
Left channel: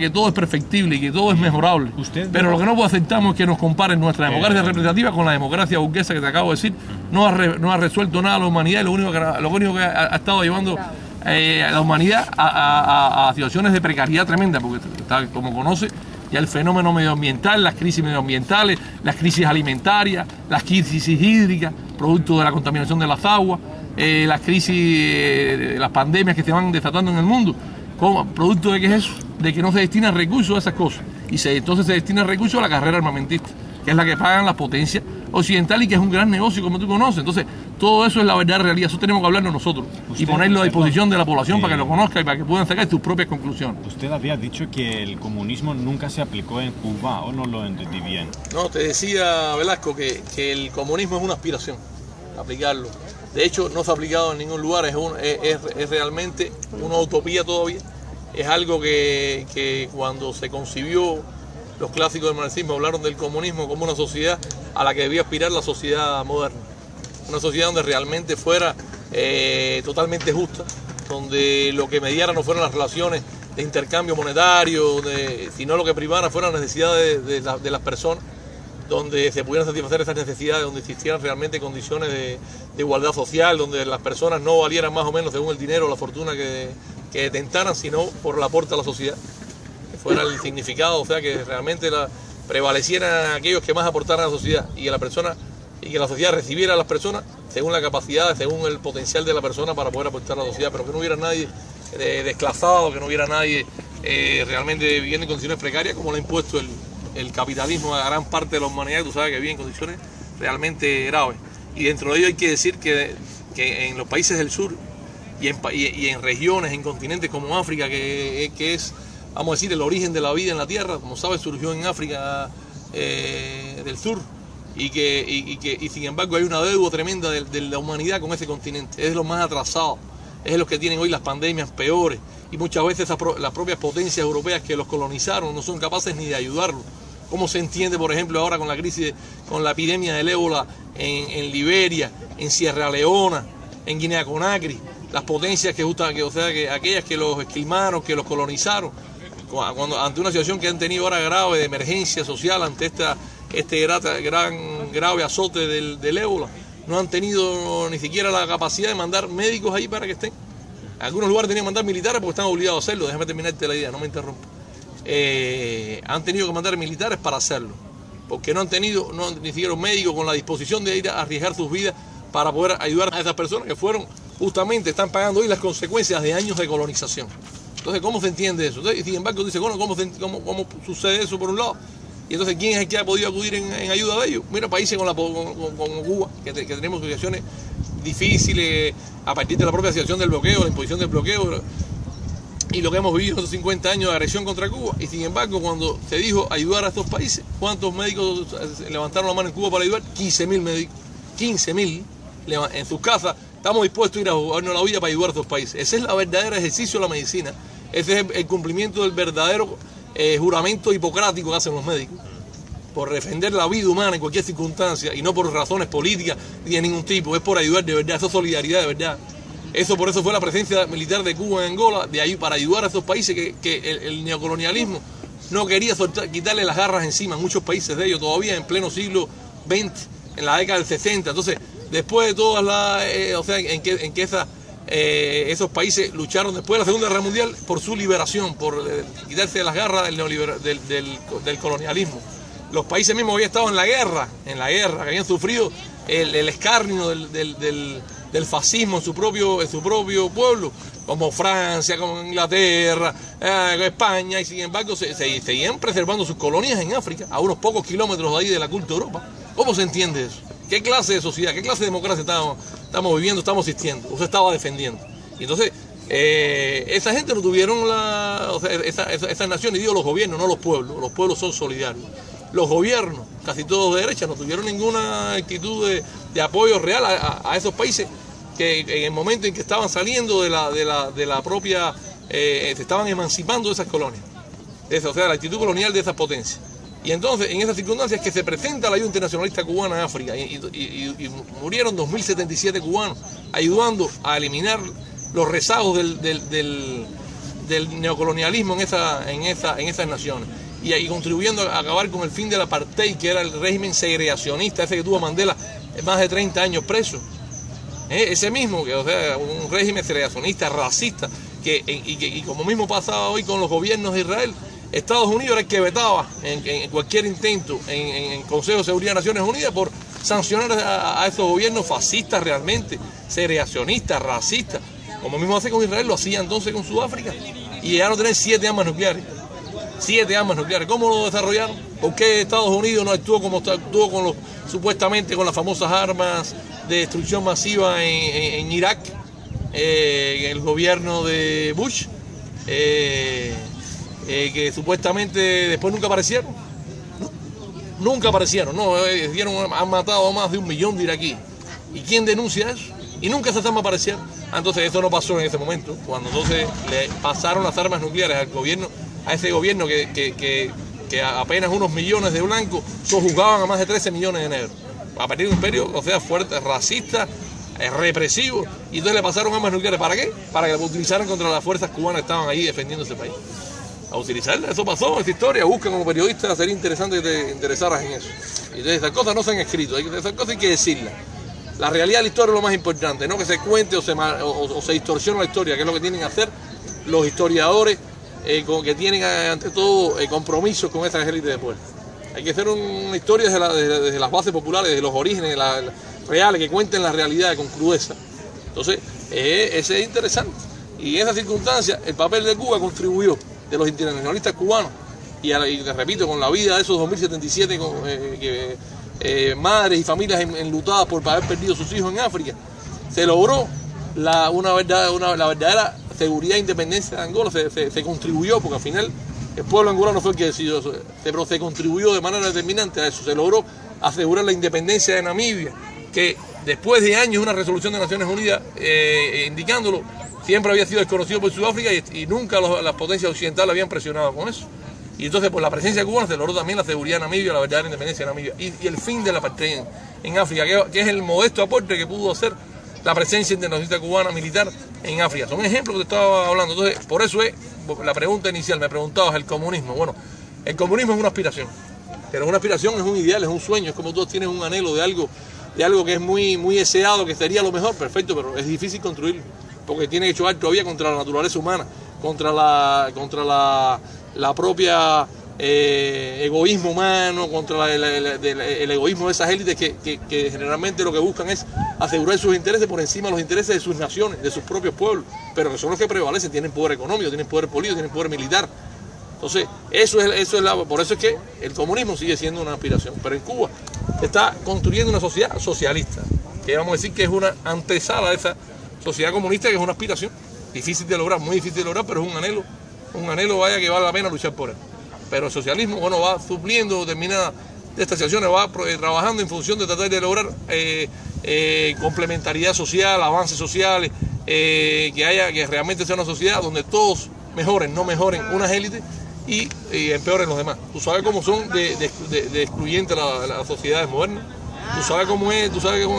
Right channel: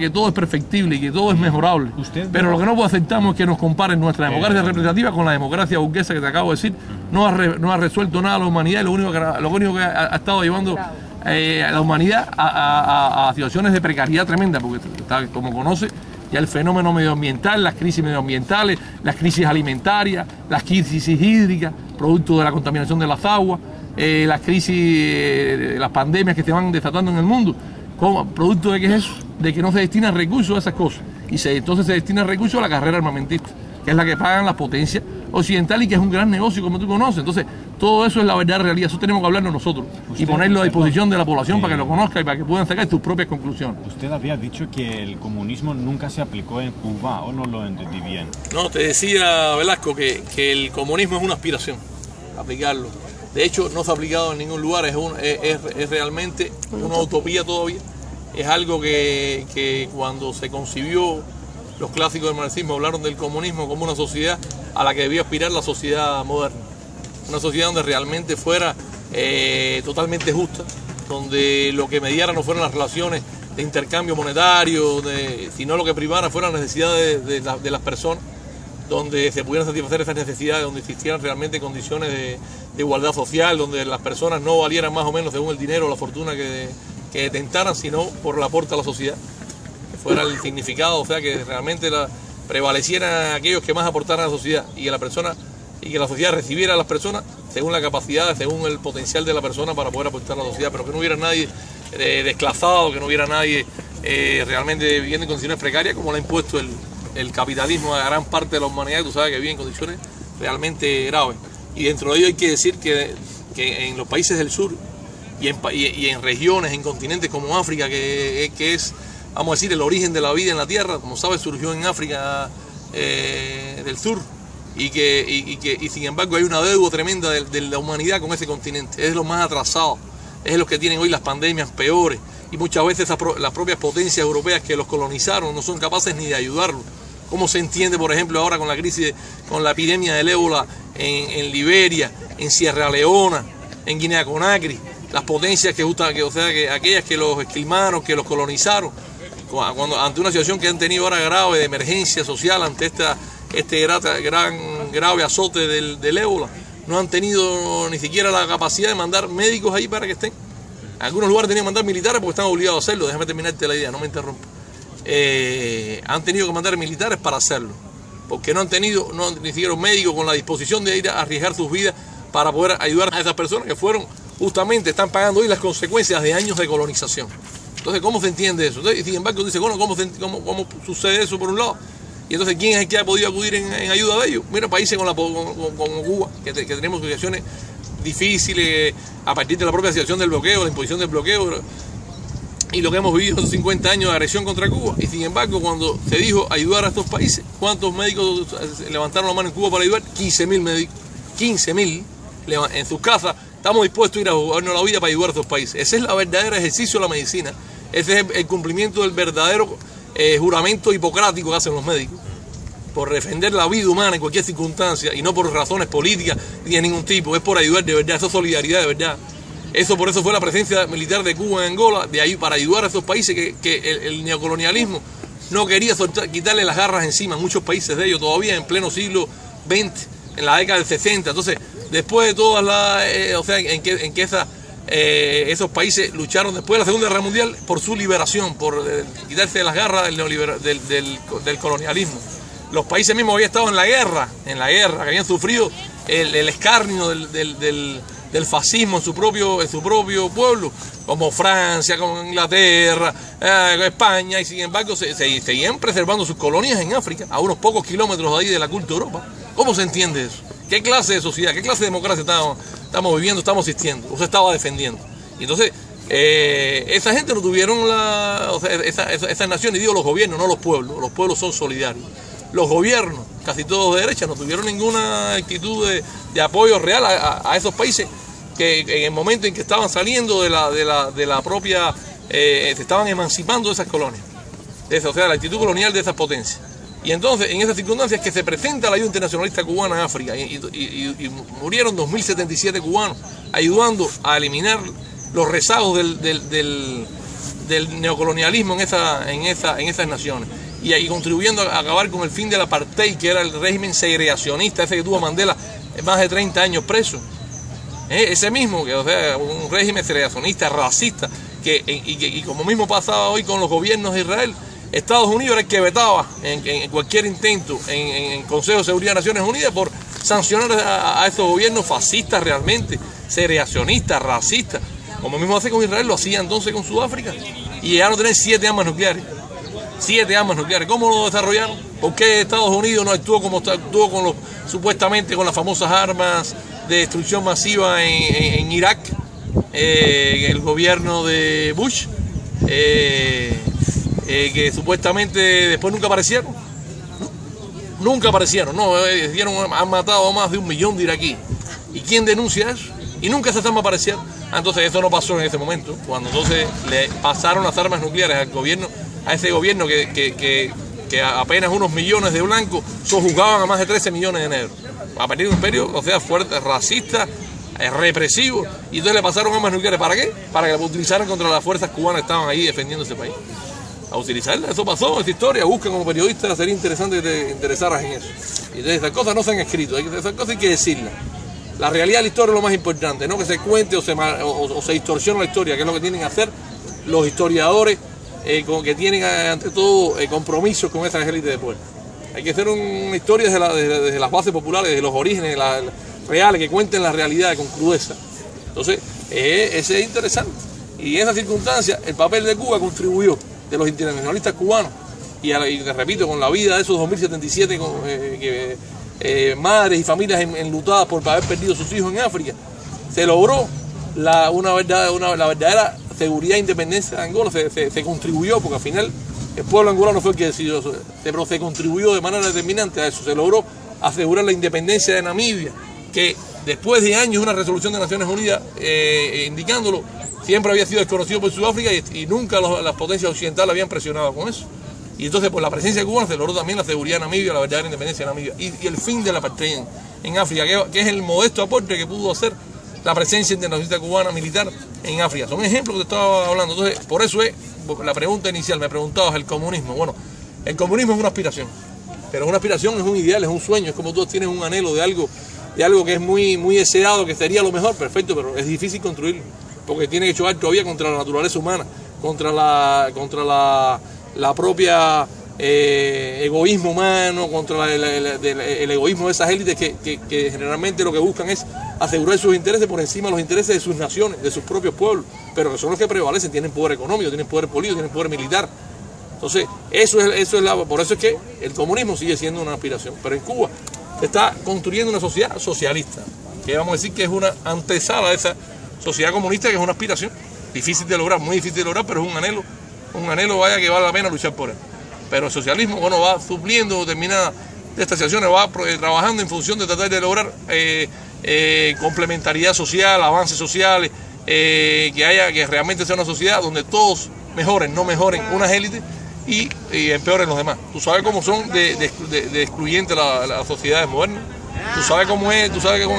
que todo es perfectible y que todo es mejorable. Pero lo que no aceptamos es que nos comparen nuestra democracia representativa con la democracia burguesa que te acabo de decir. No ha resuelto nada a la humanidad, y lo único que ha estado llevando a la humanidad a situaciones de precariedad tremenda, porque como conoce, ya el fenómeno medioambiental, las crisis medioambientales, las crisis alimentarias, las crisis hídricas, producto de la contaminación de las aguas, las crisis, las pandemias que se van desatando en el mundo. ¿Producto de qué es eso? De que no se destinan recursos a esas cosas. Entonces se destina recursos a la carrera armamentista, que es la que pagan las potencias occidentales y que es un gran negocio, como tú conoces. Entonces, todo eso es la verdadera realidad. Eso tenemos que hablarlo nosotros y ponerlo a disposición de la población para que lo conozca y para que puedan sacar sus propias conclusiones. Usted había dicho que el comunismo nunca se aplicó en Cuba, ¿o no lo entendí bien? No, te decía, Velasco, que el comunismo es una aspiración, aplicarlo. De hecho, no se ha aplicado en ningún lugar, es realmente una utopía todavía. Es algo que cuando se concibió, los clásicos del marxismo hablaron del comunismo como una sociedad a la que debía aspirar la sociedad moderna. Una sociedad donde realmente fuera totalmente justa, donde lo que mediara no fueran las relaciones de intercambio monetario, sino lo que primara fueran las necesidades de las personas, donde se pudieran satisfacer esas necesidades, donde existieran realmente condiciones de igualdad social, donde las personas no valieran más o menos según el dinero o la fortuna que detentaran, sino por el aporte a la sociedad, que fuera el significado, o sea, que realmente prevalecieran aquellos que más aportaran a la sociedad y que la sociedad recibiera a las personas según la capacidad, según el potencial de la persona para poder aportar a la sociedad, pero que no hubiera nadie desclasado, que no hubiera nadie realmente viviendo en condiciones precarias como lo ha impuesto el capitalismo a gran parte de la humanidad, tú sabes que vive en condiciones realmente graves. Y dentro de ello hay que decir que en los países del sur y en regiones, en continentes como África, que es, vamos a decir, el origen de la vida en la Tierra, como sabes, surgió en África del Sur, y sin embargo hay una deuda tremenda de la humanidad con ese continente. Es lo más atrasado, es los que tienen hoy las pandemias peores, y muchas veces las propias potencias europeas que los colonizaron no son capaces ni de ayudarlos. ¿Cómo se entiende, por ejemplo, ahora con la crisis, con la epidemia del ébola en Liberia, en Sierra Leona, en Guinea-Conakry? Las potencias que aquellas que los esquilmaron, que los colonizaron, ante una situación que han tenido ahora grave de emergencia social, ante este grave azote del ébola, no han tenido ni siquiera la capacidad de mandar médicos ahí para que estén. En algunos lugares tenían que mandar militares porque están obligados a hacerlo. Déjame terminarte la idea, no me interrumpa. Han tenido que mandar militares para hacerlo, porque no han ni siquiera médicos con la disposición de ir a arriesgar sus vidas para poder ayudar a esas personas que están pagando hoy las consecuencias de años de colonización. Entonces, ¿cómo se entiende eso? Entonces, sin embargo, dice, bueno, ¿cómo sucede eso por un lado? Y entonces, ¿quién es el que ha podido acudir en ayuda de ellos? Mira, países como Cuba, que tenemos situaciones difíciles a partir de la propia situación del bloqueo, la imposición del bloqueo, y lo que hemos vivido en 50 años de agresión contra Cuba. Y sin embargo, cuando se dijo ayudar a estos países, ¿cuántos médicos levantaron la mano en Cuba para ayudar? 15.000 médicos. 15.000 en sus casas. Estamos dispuestos a ir a jugarnos la vida para ayudar a estos países. Ese es el verdadero ejercicio de la medicina. Ese es el cumplimiento del verdadero juramento hipocrático que hacen los médicos, por defender la vida humana en cualquier circunstancia, y no por razones políticas ni de ningún tipo. Es por ayudar de verdad, eso es solidaridad de verdad. Por eso fue la presencia militar de Cuba en Angola, para ayudar a estos países que el neocolonialismo no quería quitarle las garras encima. Muchos países de ellos todavía en pleno siglo XX, en la década del 60. Entonces, después de todas esos países lucharon después de la Segunda Guerra Mundial por su liberación, por quitarse de las garras del colonialismo. Los países mismos habían estado en la guerra, que habían sufrido el escarnio del fascismo en su propio pueblo, como Francia, como Inglaterra, España, y sin embargo seguían preservando sus colonias en África, a unos pocos kilómetros de ahí de la culta Europa. ¿Cómo se entiende eso? ¿Qué clase de sociedad, qué clase de democracia estamos viviendo, estamos asistiendo, o se estaba defendiendo? Y entonces esa gente no tuvieron esas naciones, digo los gobiernos, no los pueblos son solidarios. Los gobiernos, casi todos de derecha, no tuvieron ninguna actitud de apoyo real a esos países que en el momento en que estaban saliendo de la propia, se estaban emancipando de esas colonias, o sea, la actitud colonial de esas potencias. Y entonces, en esas circunstancias que se presenta la ayuda internacionalista cubana en África y murieron 2077 cubanos ayudando a eliminar los rezagos del neocolonialismo en esas naciones y contribuyendo a acabar con el fin del apartheid, que era el régimen segregacionista, ese que tuvo Mandela más de 30 años preso. Ese mismo, o sea, un régimen segregacionista, racista, y como mismo pasaba hoy con los gobiernos de Israel, Estados Unidos era el que vetaba en cualquier intento en el Consejo de Seguridad de Naciones Unidas por sancionar a esos gobiernos fascistas realmente, segregacionistas, racistas. Como mismo hace con Israel, lo hacía entonces con Sudáfrica. Y llegaron a tener 7 armas nucleares. 7 armas nucleares. ¿Cómo lo desarrollaron? ¿Por qué Estados Unidos no actuó como actuó supuestamente con las famosas armas de destrucción masiva en Irak? El gobierno de Bush, que supuestamente después nunca aparecieron. Nunca aparecieron, no, han matado a más de 1 millón de iraquíes. ¿Y quién denuncia eso? Y nunca esas armas aparecieron. Entonces eso no pasó en ese momento, cuando entonces le pasaron las armas nucleares al gobierno, a ese gobierno que apenas unos millones de blancos sojuzgaban a más de 13 millones de negros. A partir de un imperio, o sea, fuerte, racista, represivo, y entonces le pasaron armas nucleares. ¿Para qué? Para que las utilizaran contra las fuerzas cubanas que estaban ahí defendiendo ese país. A utilizarla, eso pasó, esa historia, busca como periodista, sería interesante que te interesaras en eso. Y entonces esas cosas no se han escrito, esas cosas hay que decirlas. La realidad de la historia es lo más importante, no que se cuente o se distorsione la historia, que es lo que tienen que hacer los historiadores que tienen ante todo compromisos con esas élites de poder. Hay que hacer una historia desde las bases populares, desde los orígenes reales, que cuenten la realidad con crudeza. Entonces, ese es interesante. Y en esa circunstancia, el papel de Cuba contribuyó, de los internacionalistas cubanos, y te repito, con la vida de esos 2077 madres y familias enlutadas por haber perdido sus hijos en África, se logró la verdadera seguridad e independencia de Angola. Se contribuyó, porque al final el pueblo angolano fue el que decidió eso, pero se contribuyó de manera determinante a eso. Se logró asegurar la independencia de Namibia, que después de años una resolución de Naciones Unidas indicándolo, siempre había sido desconocido por Sudáfrica y nunca las potencias occidentales habían presionado con eso. Y entonces por la presencia cubana se logró también la seguridad de Namibia, la verdadera independencia de Namibia y el fin de la apartheid en África, que es el modesto aporte que pudo hacer la presencia internacionalista cubana militar en África. Son ejemplos que te estaba hablando. Entonces, por eso es la pregunta inicial, me preguntabas el comunismo. Bueno, el comunismo es una aspiración, pero una aspiración es un ideal, es un sueño, es como tú tienes un anhelo de algo que es muy deseado, que sería lo mejor, perfecto, pero es difícil construirlo, porque tiene que chocar todavía contra la naturaleza humana, contra la propia egoísmo humano, contra el egoísmo de esas élites que generalmente lo que buscan es asegurar sus intereses por encima de los intereses de sus naciones, de sus propios pueblos, pero que son los que prevalecen, tienen poder económico, tienen poder político, tienen poder militar. Entonces, por eso es que el comunismo sigue siendo una aspiración. Pero en Cuba se está construyendo una sociedad socialista, que vamos a decir que es una antesala de esa sociedad comunista, que es una aspiración difícil de lograr, muy difícil de lograr, pero es un anhelo vaya que vale la pena luchar por él. Pero el socialismo, bueno, va supliendo determinadas de estas situaciones, va trabajando en función de tratar de lograr complementariedad social, avances sociales, que realmente sea una sociedad donde todos mejoren, no mejoren unas élites y empeoren los demás. Tú sabes cómo son de excluyentes las sociedades modernas. Tú sabes cómo es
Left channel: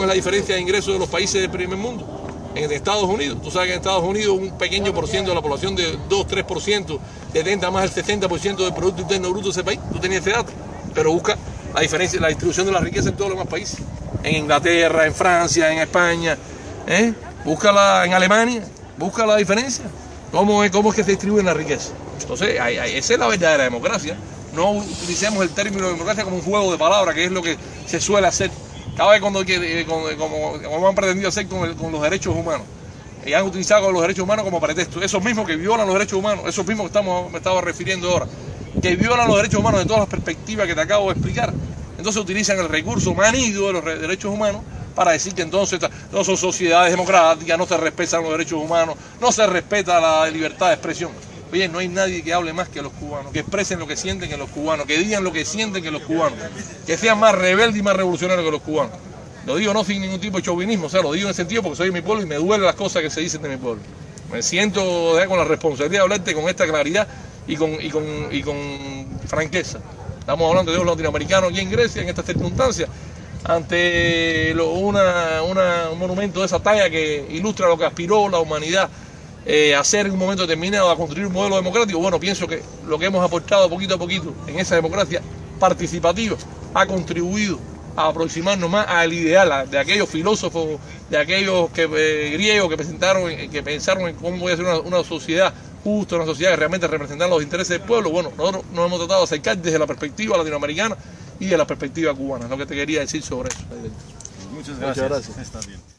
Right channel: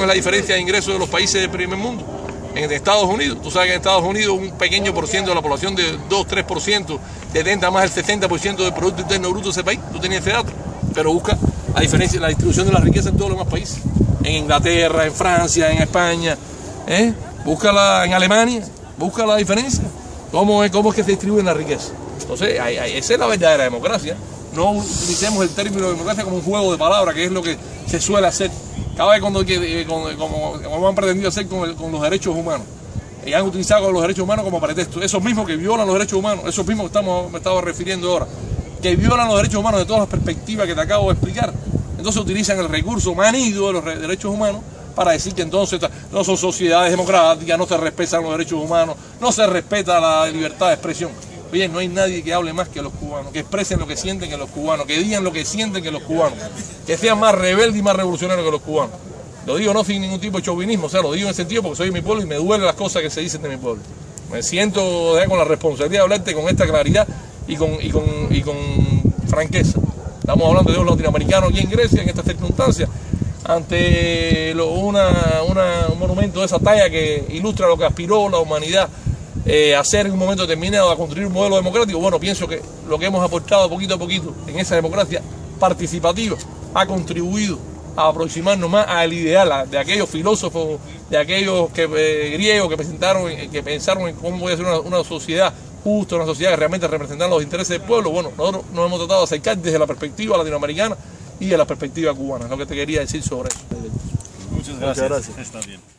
la diferencia de ingresos de los países del primer mundo. En Estados Unidos, tú sabes que en Estados Unidos un pequeño por ciento de la población, de 2-3%, detenta más del 60% del Producto Interno Bruto de ese país. Tú tenías ese dato, pero busca la diferencia, la distribución de la riqueza en todos los demás países. En Inglaterra, en Francia, en España, búscala en Alemania, busca la diferencia. ¿Cómo es que se distribuye la riqueza? Entonces, esa es la verdadera democracia. No utilicemos el término democracia como un juego de palabras, que es lo que se suele hacer. Cada vez como han pretendido hacer con los derechos humanos. Y han utilizado los derechos humanos como pretexto. Esos mismos que violan los derechos humanos, esos mismos que me estaba refiriendo ahora, que violan los derechos humanos de todas las perspectivas que te acabo de explicar. Entonces utilizan el recurso manido de los derechos humanos para decir que entonces no son sociedades democráticas, no se respetan los derechos humanos, no se respeta la libertad de expresión. Oye, no hay nadie que hable más que los cubanos, que expresen lo que sienten que los cubanos, que digan lo que sienten que los cubanos, que sean más rebeldes y más revolucionarios que los cubanos. Lo digo no sin ningún tipo de chauvinismo, o sea, lo digo en el sentido porque soy de mi pueblo y me duelen las cosas que se dicen de mi pueblo. Me siento con la responsabilidad de hablarte con esta claridad y con franqueza. Estamos hablando de un latinoamericano aquí en Grecia, en estas circunstancias, ante un monumento de esa talla que ilustra lo que aspiró la humanidad a hacer en un momento determinado, a construir un modelo democrático. Bueno, pienso que lo que hemos aportado poquito a poquito en esa democracia participativa ha contribuido a aproximarnos más al ideal de aquellos filósofos, de aquellos griegos que pensaron en cómo puede ser una sociedad justa, una sociedad que realmente representara los intereses del pueblo. Bueno, nosotros nos hemos tratado de acercar desde la perspectiva latinoamericana y de la perspectiva cubana. Es lo que te quería decir sobre eso. Muchas gracias. Está bien.